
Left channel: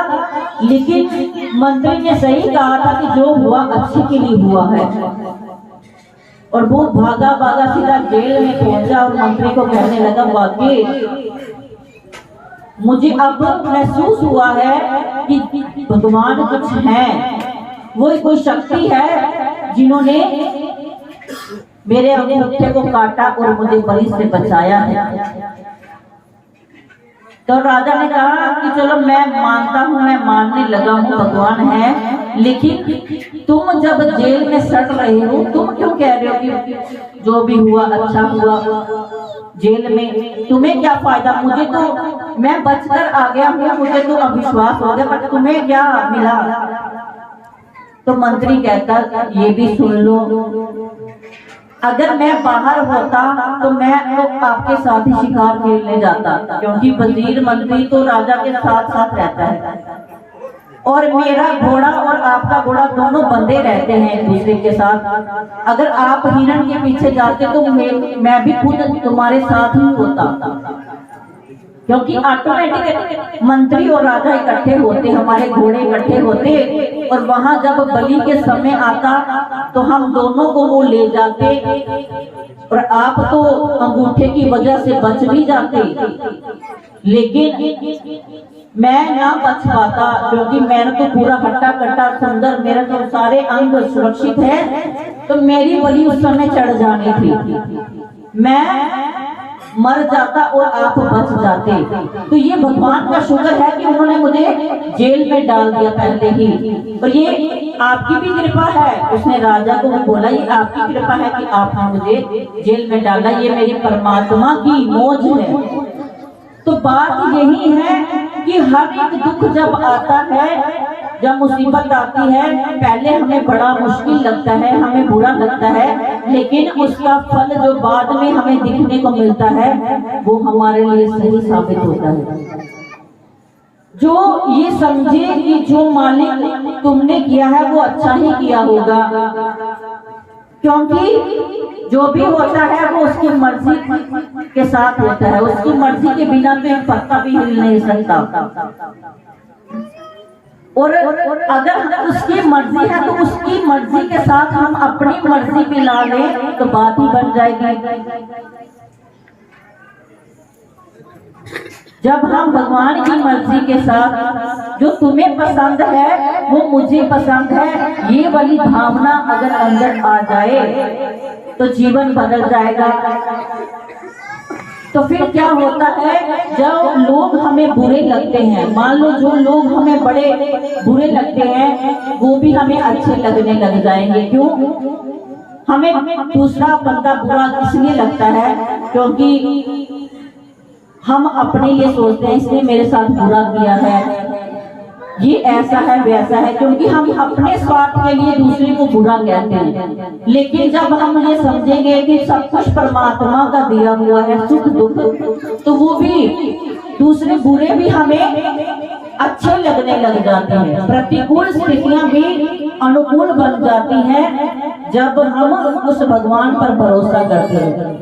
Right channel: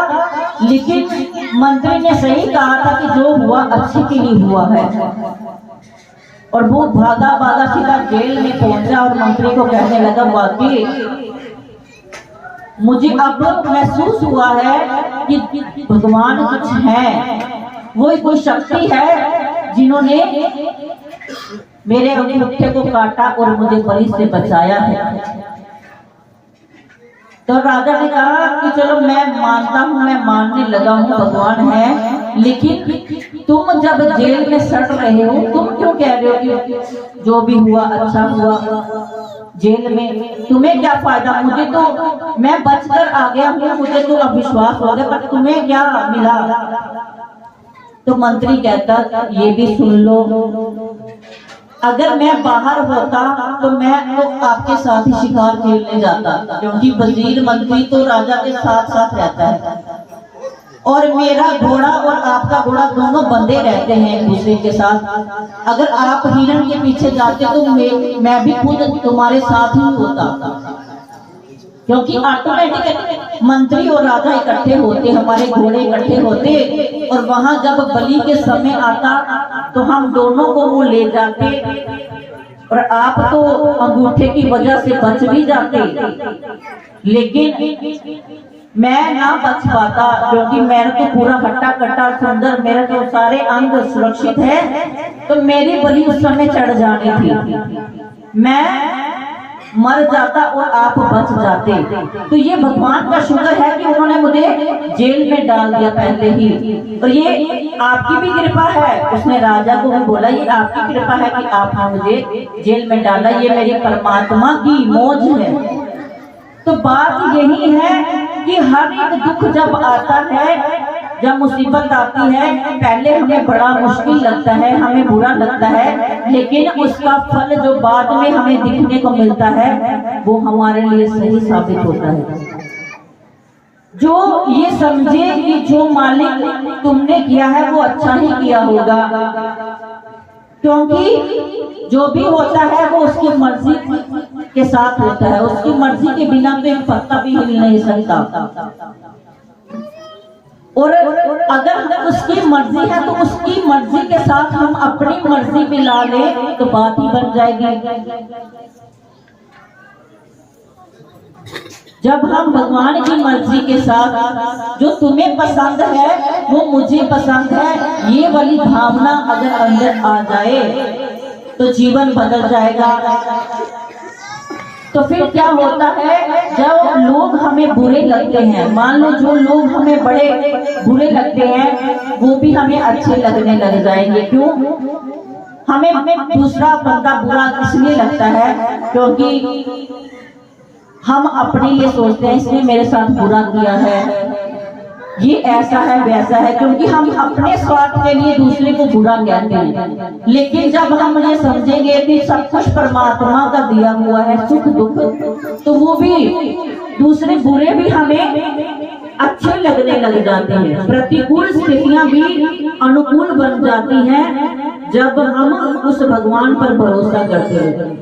लेकिन मंत्री ने सही कहा था कि जो हुआ अच्छे के लिए हुआ है। और वो भागा भागा सीधा जेल में पहुंचा और मंत्री को कहने लगा, वाकई मुझे अब महसूस हुआ है कि भगवान कुछ है, वो कोई शक्ति है जिन्होंने मेरे अंगूठे को काटा और मुझे बलि से बचाया है। तो राजा ने कहा कि चलो मैं मानता हूँ, मैं मानने लगा हूँ भगवान है, लेकिन तुम जब जेल में सड़ रहे हो, तुम क्यों कह रहे हो कि जो भी हुआ अच्छा हुआ, जेल में तुम्हें क्या फायदा? मुझे तो, मैं बचकर आ गया हूँ, मुझे तो अविश्वास हो गया, पर तुम्हें क्या मिला? तो मंत्री कहता, ये भी सुन लो, अगर मैं बाहर होता तो मैं तो आपके साथ ही शिकार खेलने जाता, क्योंकि वजीर मंत्री तो राजा के साथ साथ रहता है, और मेरा घोड़ा और आपका घोड़ा दोनों बंधे रहते हैं एक दूसरे के साथ। अगर आप हिरण के पीछे जाते तो मैं भी खुद तुम्हारे साथ ही होता, क्योंकि ऑटोमेटिक मंत्री और राजा इकट्ठे होते, हमारे घोड़े इकट्ठे होते, और वहां जब बलि के समय आता तो हम दोनों को वो ले जाते, और आप तो अंगूठे की वजह से बच भी जाते। लेकिन मैं ना बच पाता, क्योंकि मेरा तो पूरा हट्टा कट्टा सुंदर, मेरा तो सारे अंग सुरक्षित है, तो मेरी बलि उस समय चढ़ जानी थी, मैं मर जाता और आप बच जाते। तो ये भगवान का शुक्र है कि उन्होंने मुझे जेल में डाल दिया पहले ही, और ये आपकी भी कृपा है। उसने राजा को भी बोला, ये आपकी कृपा है कि आपने मुझे जेल में डाला, ये मेरी परमात्मा की मौज है। तो बात यही है कि हर एक दुख जब आता है, जब मुसीबत आती है, पहले हमें बड़ा मुश्किल लगता है, हमें बुरा लगता है, लेकिन उसका फल जो बाद में हमें दिखने को मिलता है वो हमारे लिए सही साबित होता है। जो ये समझे कि जो मालिक तुमने किया है वो अच्छा ही किया होगा, क्योंकि जो भी होता है वो उसकी मर्जी के साथ होता है, उसकी मर्जी के बिना तो एक पत्ता भी हिल नहीं सकता। और अगर उसकी मर्जी है तो उसकी मर्जी के साथ हम अपनी मर्जी मिला लें तो बात ही बन जाएगी। जब हम भगवान की मर्जी के साथ, जो तुम्हें पसंद है वो मुझे पसंद है, ये वाली भावना अगर अंदर आ जाए तो जीवन बदल जाएगा। तो फिर क्या होता है, जब लोग हमें बुरे लगते हैं, मान लो जो लोग हमें बड़े बुरे लगते हैं वो भी हमें अच्छे लगने लग जाएंगे। क्यों? हमें दूसरा बंदा बुरा इसलिए लगता है क्योंकि हम अपने लिए सोचते हैं इसने मेरे साथ बुरा किया है, ये ऐसा है वैसा है, क्योंकि हम अपने स्वार्थ के लिए दूसरे को बुरा कहते हैं। लेकिन जब हम ये समझेंगे कि सब कुछ परमात्मा का दिया हुआ है, सुख दुख, तो वो भी दूसरे बुरे भी हमें अच्छे लगने लग जाते हैं। प्रतिकूल स्थितियां भी अनुकूल बन जाती हैं जब हम उस भगवान पर भरोसा करते हैं।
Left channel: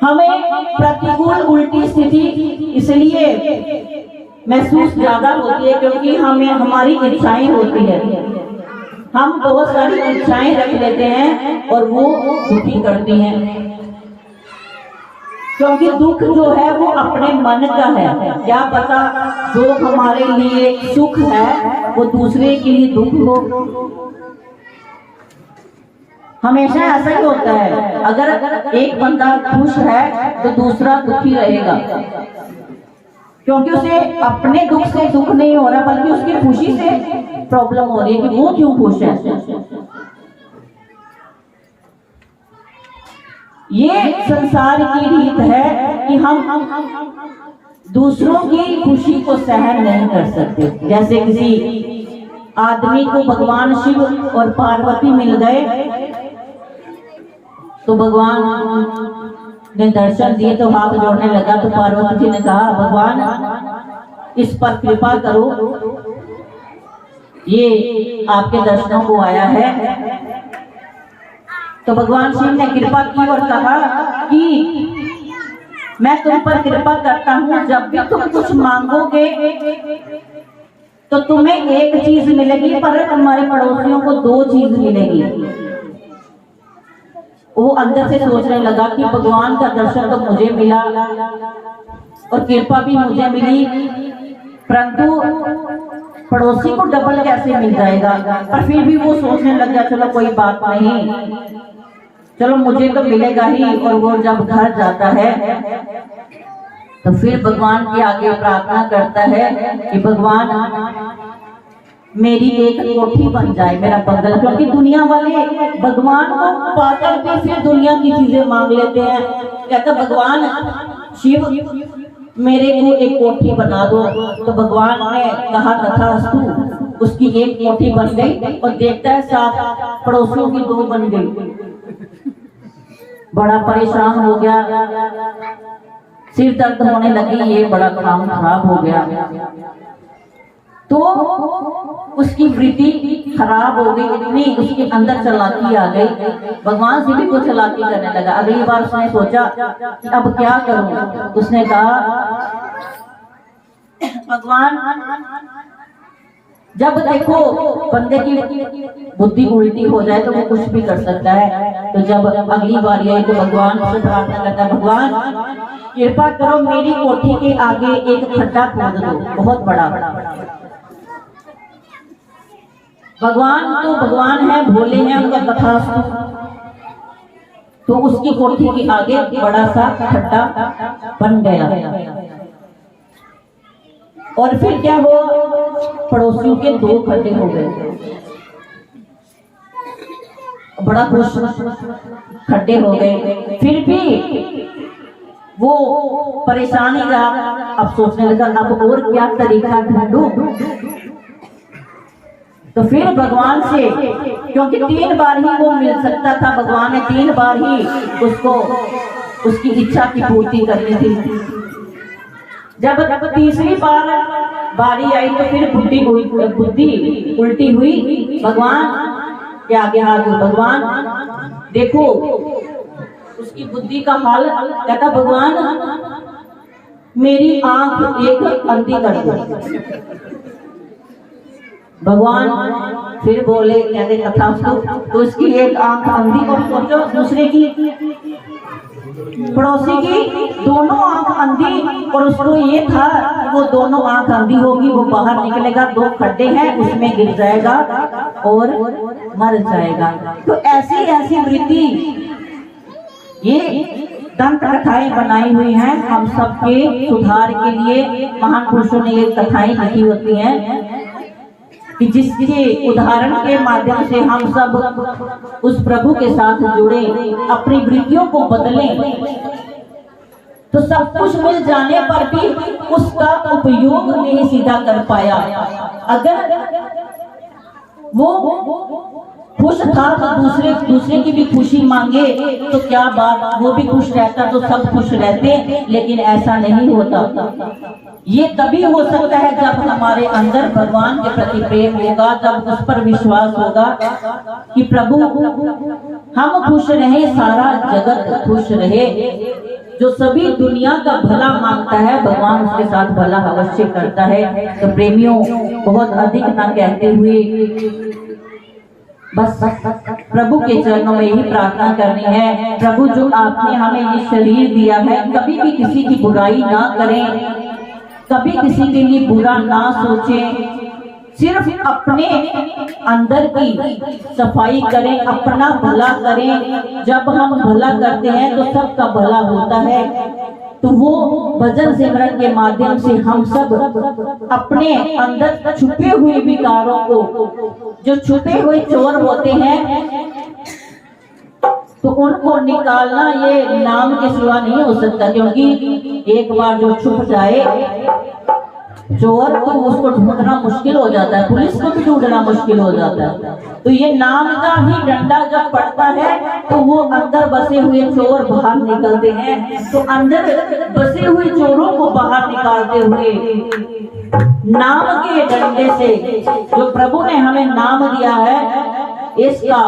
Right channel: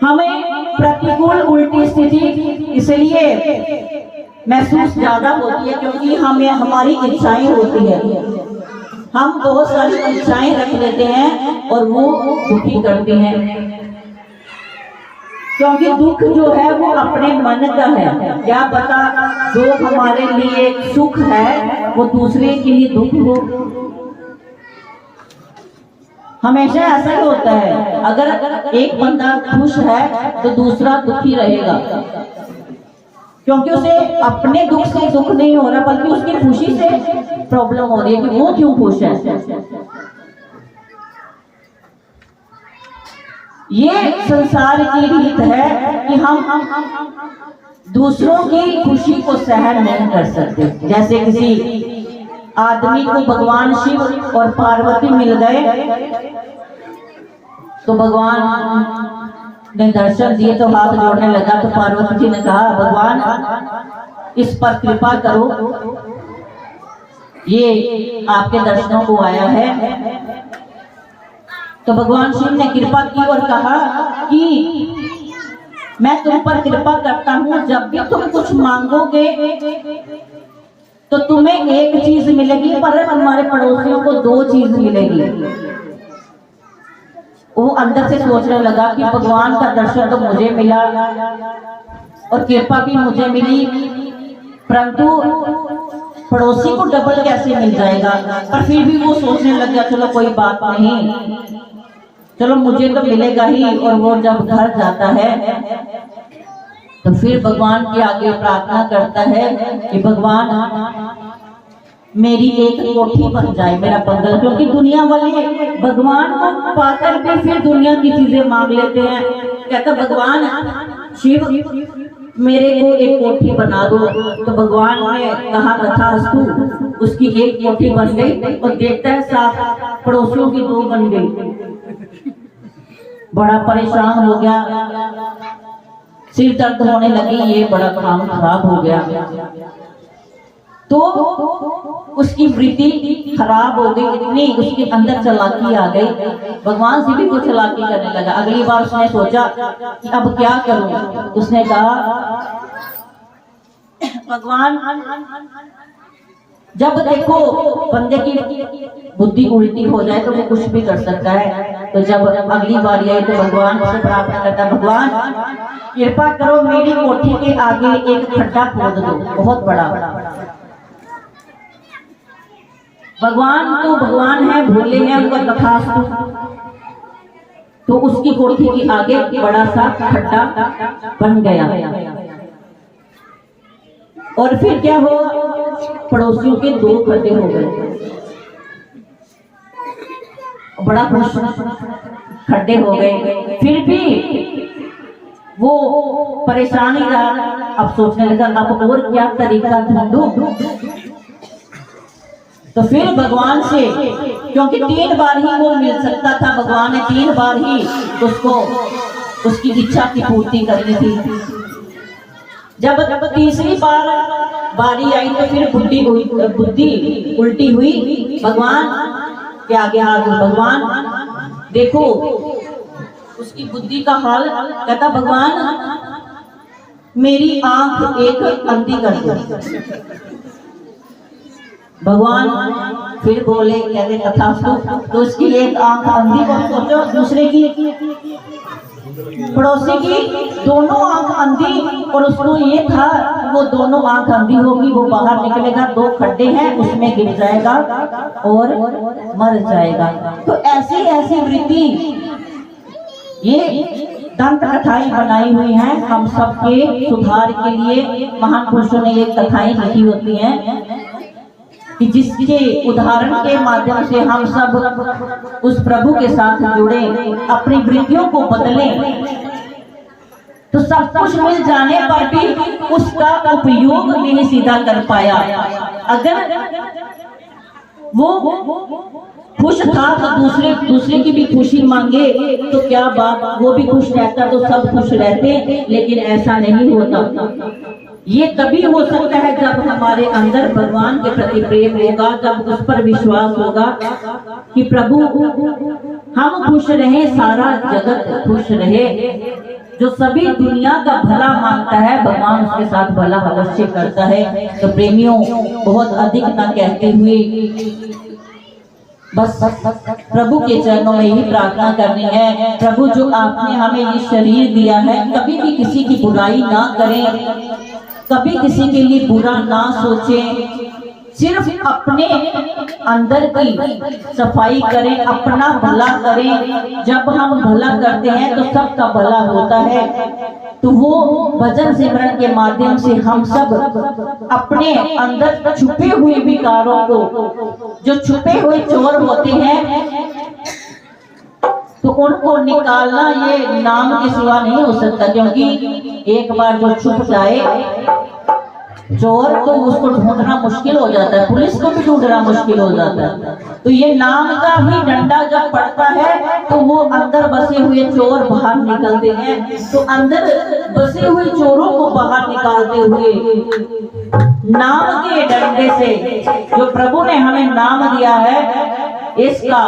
हमें प्रतिकूल उल्टी स्थिति इसलिए महसूस ज्यादा होती है क्योंकि हमें हमारी इच्छाएं होती है। हम बहुत सारी इच्छाएं रख लेते हैं और वो दुखी करती हैं, क्योंकि दुख जो है वो अपने मन का है। क्या पता जो हमारे लिए सुख है वो दूसरे के लिए दुख हो। हमेशा ऐसा ही होता है, अगर एक बंदा खुश है तो दूसरा दुखी रहेगा, क्योंकि उसे अपने दुख से दुख नहीं हो रहा बल्कि उसकी खुशी से प्रॉब्लम हो रही है कि वो क्यों खुश है। ये संसार की रीत है कि हम दूसरों की खुशी को सहन नहीं कर सकते। जैसे किसी आदमी को भगवान शिव और पार्वती मिल गए तो भगवान ने दर्शन दिए तो हाथ जोड़ने लगा, तो पार्वती जी ने कहा भगवान इस पर कृपा करो, ये आपके दर्शनों को आया है। तो भगवान शिव ने कृपा की और कहा कि मैं तुम पर कृपा करता हूं, जब भी तुम कुछ मांगोगे तो तुम्हें एक चीज मिलेगी पर तुम्हारे पड़ोसियों को 2 चीज मिलेगी। वो अंदर से सोचने लगा कि भगवान का दर्शन तो मुझे मिला और कृपा भी मुझे मिली, परंतु पड़ोसी को डबल कैसे मिल जाएगा। पर फिर भी वो सोचने लग गया चलो कोई बात नहीं, चलो मुझे तो मिलेगा ही। और वो जब घर जाता है तो फिर भगवान के आगे प्रार्थना करता है कि भगवान मेरी एक कोठी बन जाए, मेरा बंगला। क्योंकि दुनिया वाले भगवान को पाकर भी फिर दुनिया की चीजें मांग लेते हैं। कहता भगवान शिव मेरे को एक कोठी बना दो। तो भगवान ने कहा तथास्तु, उसकी एक कोठी बन गई और देखता है 7 पड़ोसियों की 2 बन गई। बड़ा परेशान हो गया, सिर दर्द होने लगी, ये बड़ा काम खराब हो गया। तो उसकी वृत्ति खराब हो गई, इतनी उसके अंदर चालाकी आ गई, भगवान से भी कुछ चालाकी करने लगा। अगली बार उसने सोचा कि अब क्या करूं। उसने कहा भगवान जब देखो बंदे की बुद्धि उल्टी हो जाए तो वो कुछ भी कर सकता है। तो जब अगली बार आई तो भगवान से प्रार्थना करता भगवान कृपा करो मेरी कोठी के आगे एक खड्डा खोद दो बहुत बड़ा। भगवान तो भगवान है, भोले हैं, उनका तथास्तु। तो उसकी कोठी के आगे बड़ा सा खड्डा बन गया। और फिर क्या हुआ, पड़ोसियों के 2 खड्डे हो गए। बड़ा खुश, खड्डे हो गए। फिर भी वो परेशान ही रहा। अब सोचने लगा अब और क्या तरीका ढूंढूं। तो फिर भगवान से, क्योंकि 3 बार ही वो मिल सकता था, भगवान ने 3 बार ही उसको उसकी इच्छा की पूर्ति करनी थी। जब तीसरी बार बारी आई तो फिर बुद्धि उल्टी हुई। भगवान के आगे हाथ जोड़, भगवान देखो उसकी बुद्धि का हाल। कहता भगवान मेरी आंख एक अंधी कर दो। भगवान फिर बोले, कहते तथास्तु। तो उसकी एक आंख अंधी, और सोचो दूसरे की पड़ोसी की दोनों आंख अंधी। और उसको ये था वो दोनों आंख अंधी होगी, वो बाहर निकलेगा, 2 खड्डे हैं उसमें गिर जाएगा और मर जाएगा। तो ऐसी ऐसी वृत्ति ये दंत कथाएं बनाई हुई हैं हम सबके सुधार के लिए। महान पुरुषों ने ये कथाएं लिखी होती हैं कि जिसके उदाहरण के माध्यम से हम सब उस प्रभु के साथ जुड़े, अपनी वृत्तियों को बदलें। तो सब कुछ मिल जाने पर भी उसका उपयोग नहीं सीधा कर पाया। अगर वो खुश था तो दूसरे की भी खुशी मांगे तो क्या बात, वो भी खुश रहता तो सब खुश रहते, लेकिन ऐसा नहीं होता। ये तभी हो सकता है जब हमारे अंदर भगवान के प्रति प्रेम होगा, जब उस पर विश्वास होगा कि प्रभु हम खुश रहे, सारा जगत खुश रहे। जो सभी दुनिया का भला मांगता है भगवान उसके साथ भला अवश्य करता है। तो प्रेमियों, बहुत अधिक ना कहते हुए बस प्रभु के चरणों में ही प्रार्थना करनी है। प्रभु, जो आपने हमें ये शरीर दिया है, कभी भी किसी की बुराई ना करें, कभी किसी के लिए बुरा ना सोचें, सिर्फ अपने अंदर की सफाई करें, अपना भला करें। जब हम भला करते हैं तो सबका भला होता है। तो वो भजन सिमरन के माध्यम से हम सब अपने अंदर छुपे हुए विकारों को, जो छुपे हुए चोर होते हैं, तो उनको निकालना ये नाम के सिवा नहीं हो सकता। क्योंकि एक बार जो छुप जाए चोर, तो उसको ढूंढना मुश्किल हो जाता है, पुलिस को भी ढूंढना मुश्किल हो जाता है। तो ये नाम का ही डंडा जब पड़ता है तो वो अंदर बसे हुए चोर बाहर निकलते हैं। तो अंदर बसे हुए चोरों को बाहर निकालते हुए नाम के डंडे से, जो प्रभु ने हमें नाम दिया है, इसका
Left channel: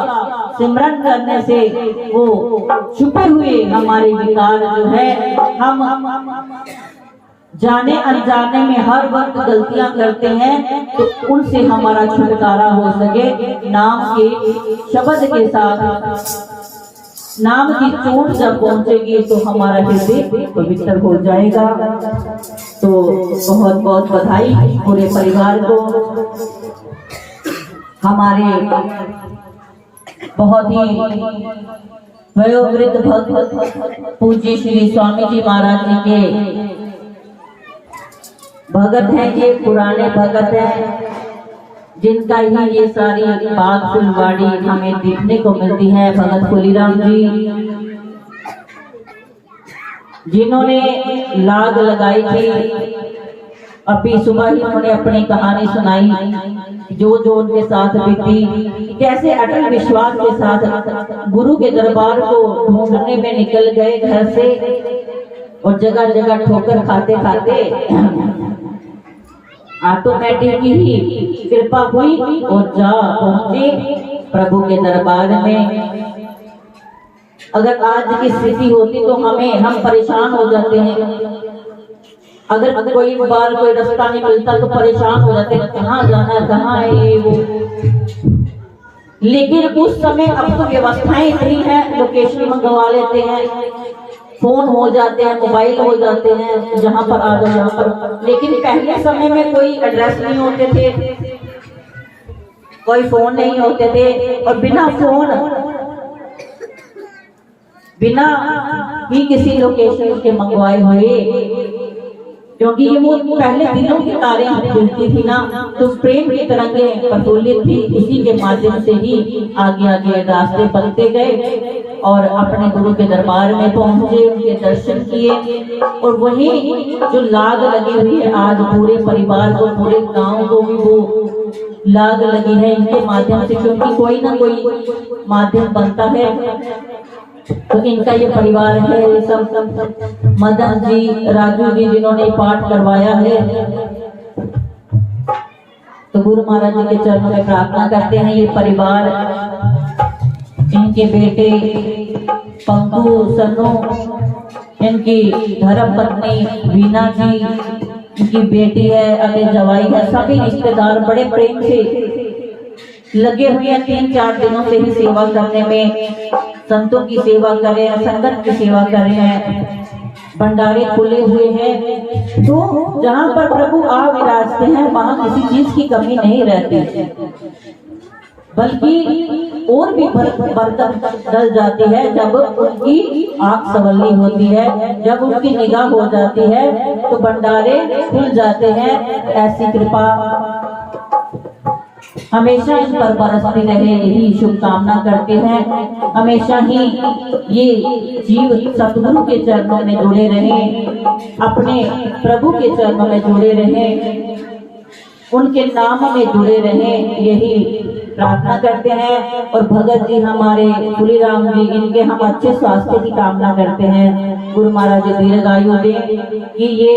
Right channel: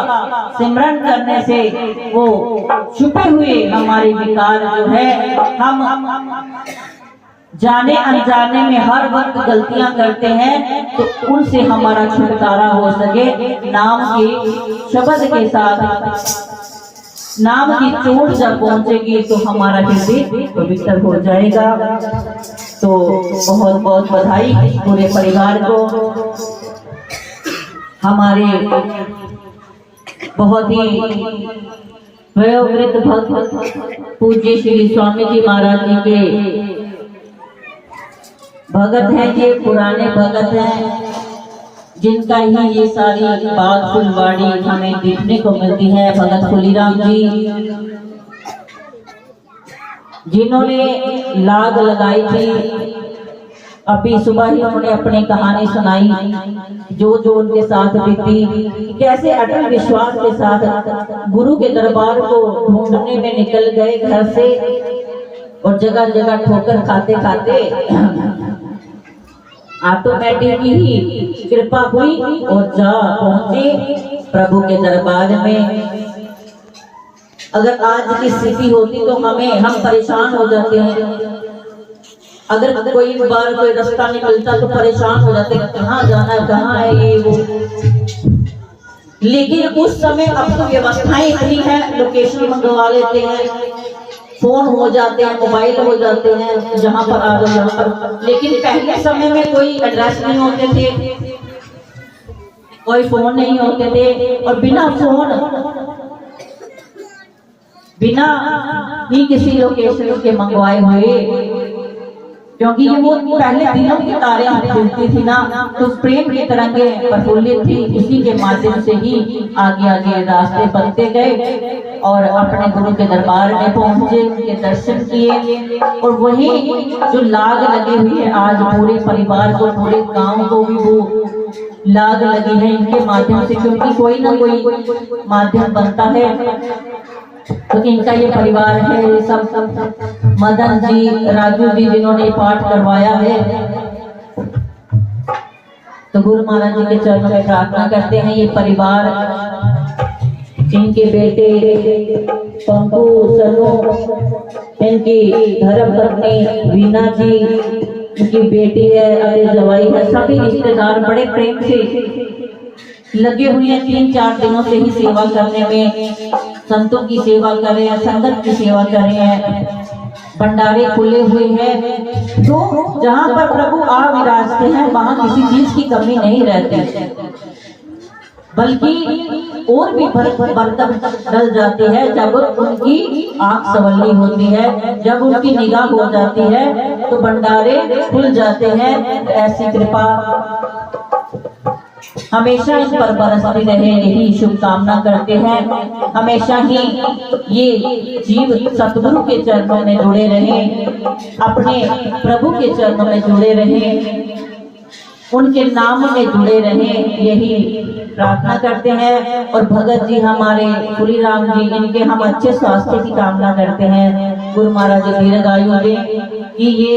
सिमरन करने से वो छुपे हुए हमारे विकार जो है, हम जाने अनजाने में हर वक्त गलतियां करते हैं, तो उनसे हमारा छुटकारा हो सके। नाम के शब्द के साथ नाम की चोट जब पहुंचेगी तो हमारा हृदय पवित्र हो जाएगा। तो बहुत बहुत बधाई पूरे परिवार को। हमारे बहुत ही वयोवृद्ध भक्त पूज्य श्री स्वामी जी महाराज जी के भगत हैं, ये पुराने भगत हैं, जिनका ही ये सारी बाग फुलवाड़ी हमें देखने को मिलती है। भगत फुलीराम जी, जिन्होंने लाग लगाई थी, अभी सुबह ही उन्होंने अपनी कहानी सुनाई, जो जो उनके साथ बीती, कैसे अटल विश्वास के साथ गुरु के दरबार को ढूंढने में निकल गए घर से, और जगह जगह ठोकर खाते खाते ऑटोमेटिक ही कृपा हुई और जा पहुंचे प्रभु के दरबार में। अगर आज की स्थिति होती तो हम परेशान हो जाते हैं। अगर कोई बार कोई रास्ता नहीं मिलता तो परेशान हो जाते, कहाँ जाना है, कहाँ है ये वो। लेकिन उस समय अब तो व्यवस्थाएं इतनी है, लोकेशन मंगवा लेते हैं, फोन हो जाते हैं, मोबाइल हो जाते हैं, जहां पर आ जाओ यहाँ पर। लेकिन पहले समय में कोई एड्रेस नहीं होते थे, कोई फोन नहीं होते थे, और बिना फोन, बिना ही किसी लोकेशन के मंगवाए हुए, क्योंकि ये वो पहले दिनों की तारें खुलती थी ना, तो प्रेम की तरंगे प्रफुल्लित थी। इसी के माध्यम से ही आगे आगे रास्ते बनते गए और अपने गुरु के दरबार में पहुंचे, उनके दर्शन किए। और वही जो लाग लगी हुई है आज पूरे परिवार को, पूरे गांव को भी वो लाग लगी है इनके माध्यम से, क्योंकि कोई ना कोई माध्यम बनता है। तो इनका ये परिवार है, ये सब मदन जी, राजू जी, जिन्होंने पाठ करवाया है। तो गुरु महाराज जी के चरणों में प्रार्थना करते हैं, ये परिवार, इनके बेटे पंकु, सन्नू, इनकी धर्म पत्नी वीना जी, इनकी बेटी है, अली जवाई है, सभी रिश्तेदार बड़े प्रेम से लगे हुए हैं। 3-4 दिनों से ही सेवा करने में, संतों की सेवा कर रहे हैं, संगत की सेवा कर रहे हैं, भंडारे खुले हुए हैं। तो जहाँ पर प्रभु आ विराजते हैं वहाँ किसी चीज की कमी नहीं रहती, बल्कि और भी बरकत डल जाती है जब उनकी आंख संवली होती है, जब उनकी निगाह हो जाती है तो भंडारे खुल जाते हैं। ऐसी कृपा हमेशा इन पर बरसती रहे, यही शुभकामना करते हैं। हमेशा ही ये जीव सतगुरु के चरणों में जुड़े रहे, अपने प्रभु के चरणों में जुड़े रहे, उनके नाम में जुड़े रहे, यही प्रार्थना करते हैं। और भगत जी हमारे फुलीराम जी, इनके हम अच्छे स्वास्थ्य की कामना करते हैं। गुरु महाराज दीर्घायु दें कि ये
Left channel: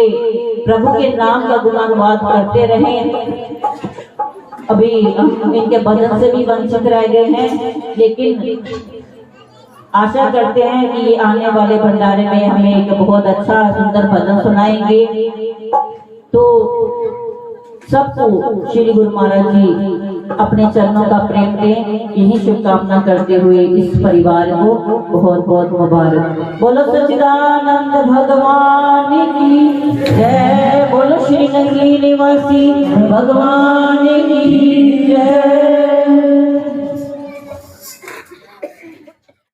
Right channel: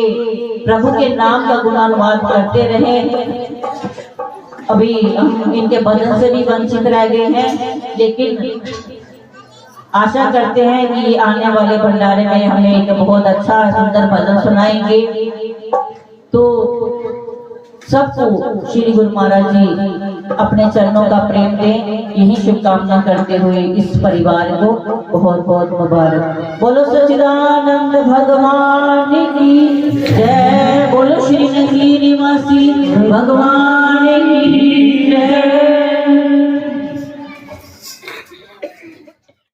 प्रभु के नाम का गुणानुवाद करते रहे। अभी हम इनके भजन से भी वंचित रह गए हैं, लेकिन आशा करते हैं कि ये आने वाले भंडारे में हमें एक बहुत अच्छा सुंदर भजन सुनाएंगे। तो सबको श्री गुरु महाराज जी अपने चरणों का प्रेम दें, यही शुभकामना करते हुए इस परिवार को बहुत बहुत मुबारक। बोलो सच्चिदानंद भगवान की जय, बोलो श्री नगरी निवासी भगवान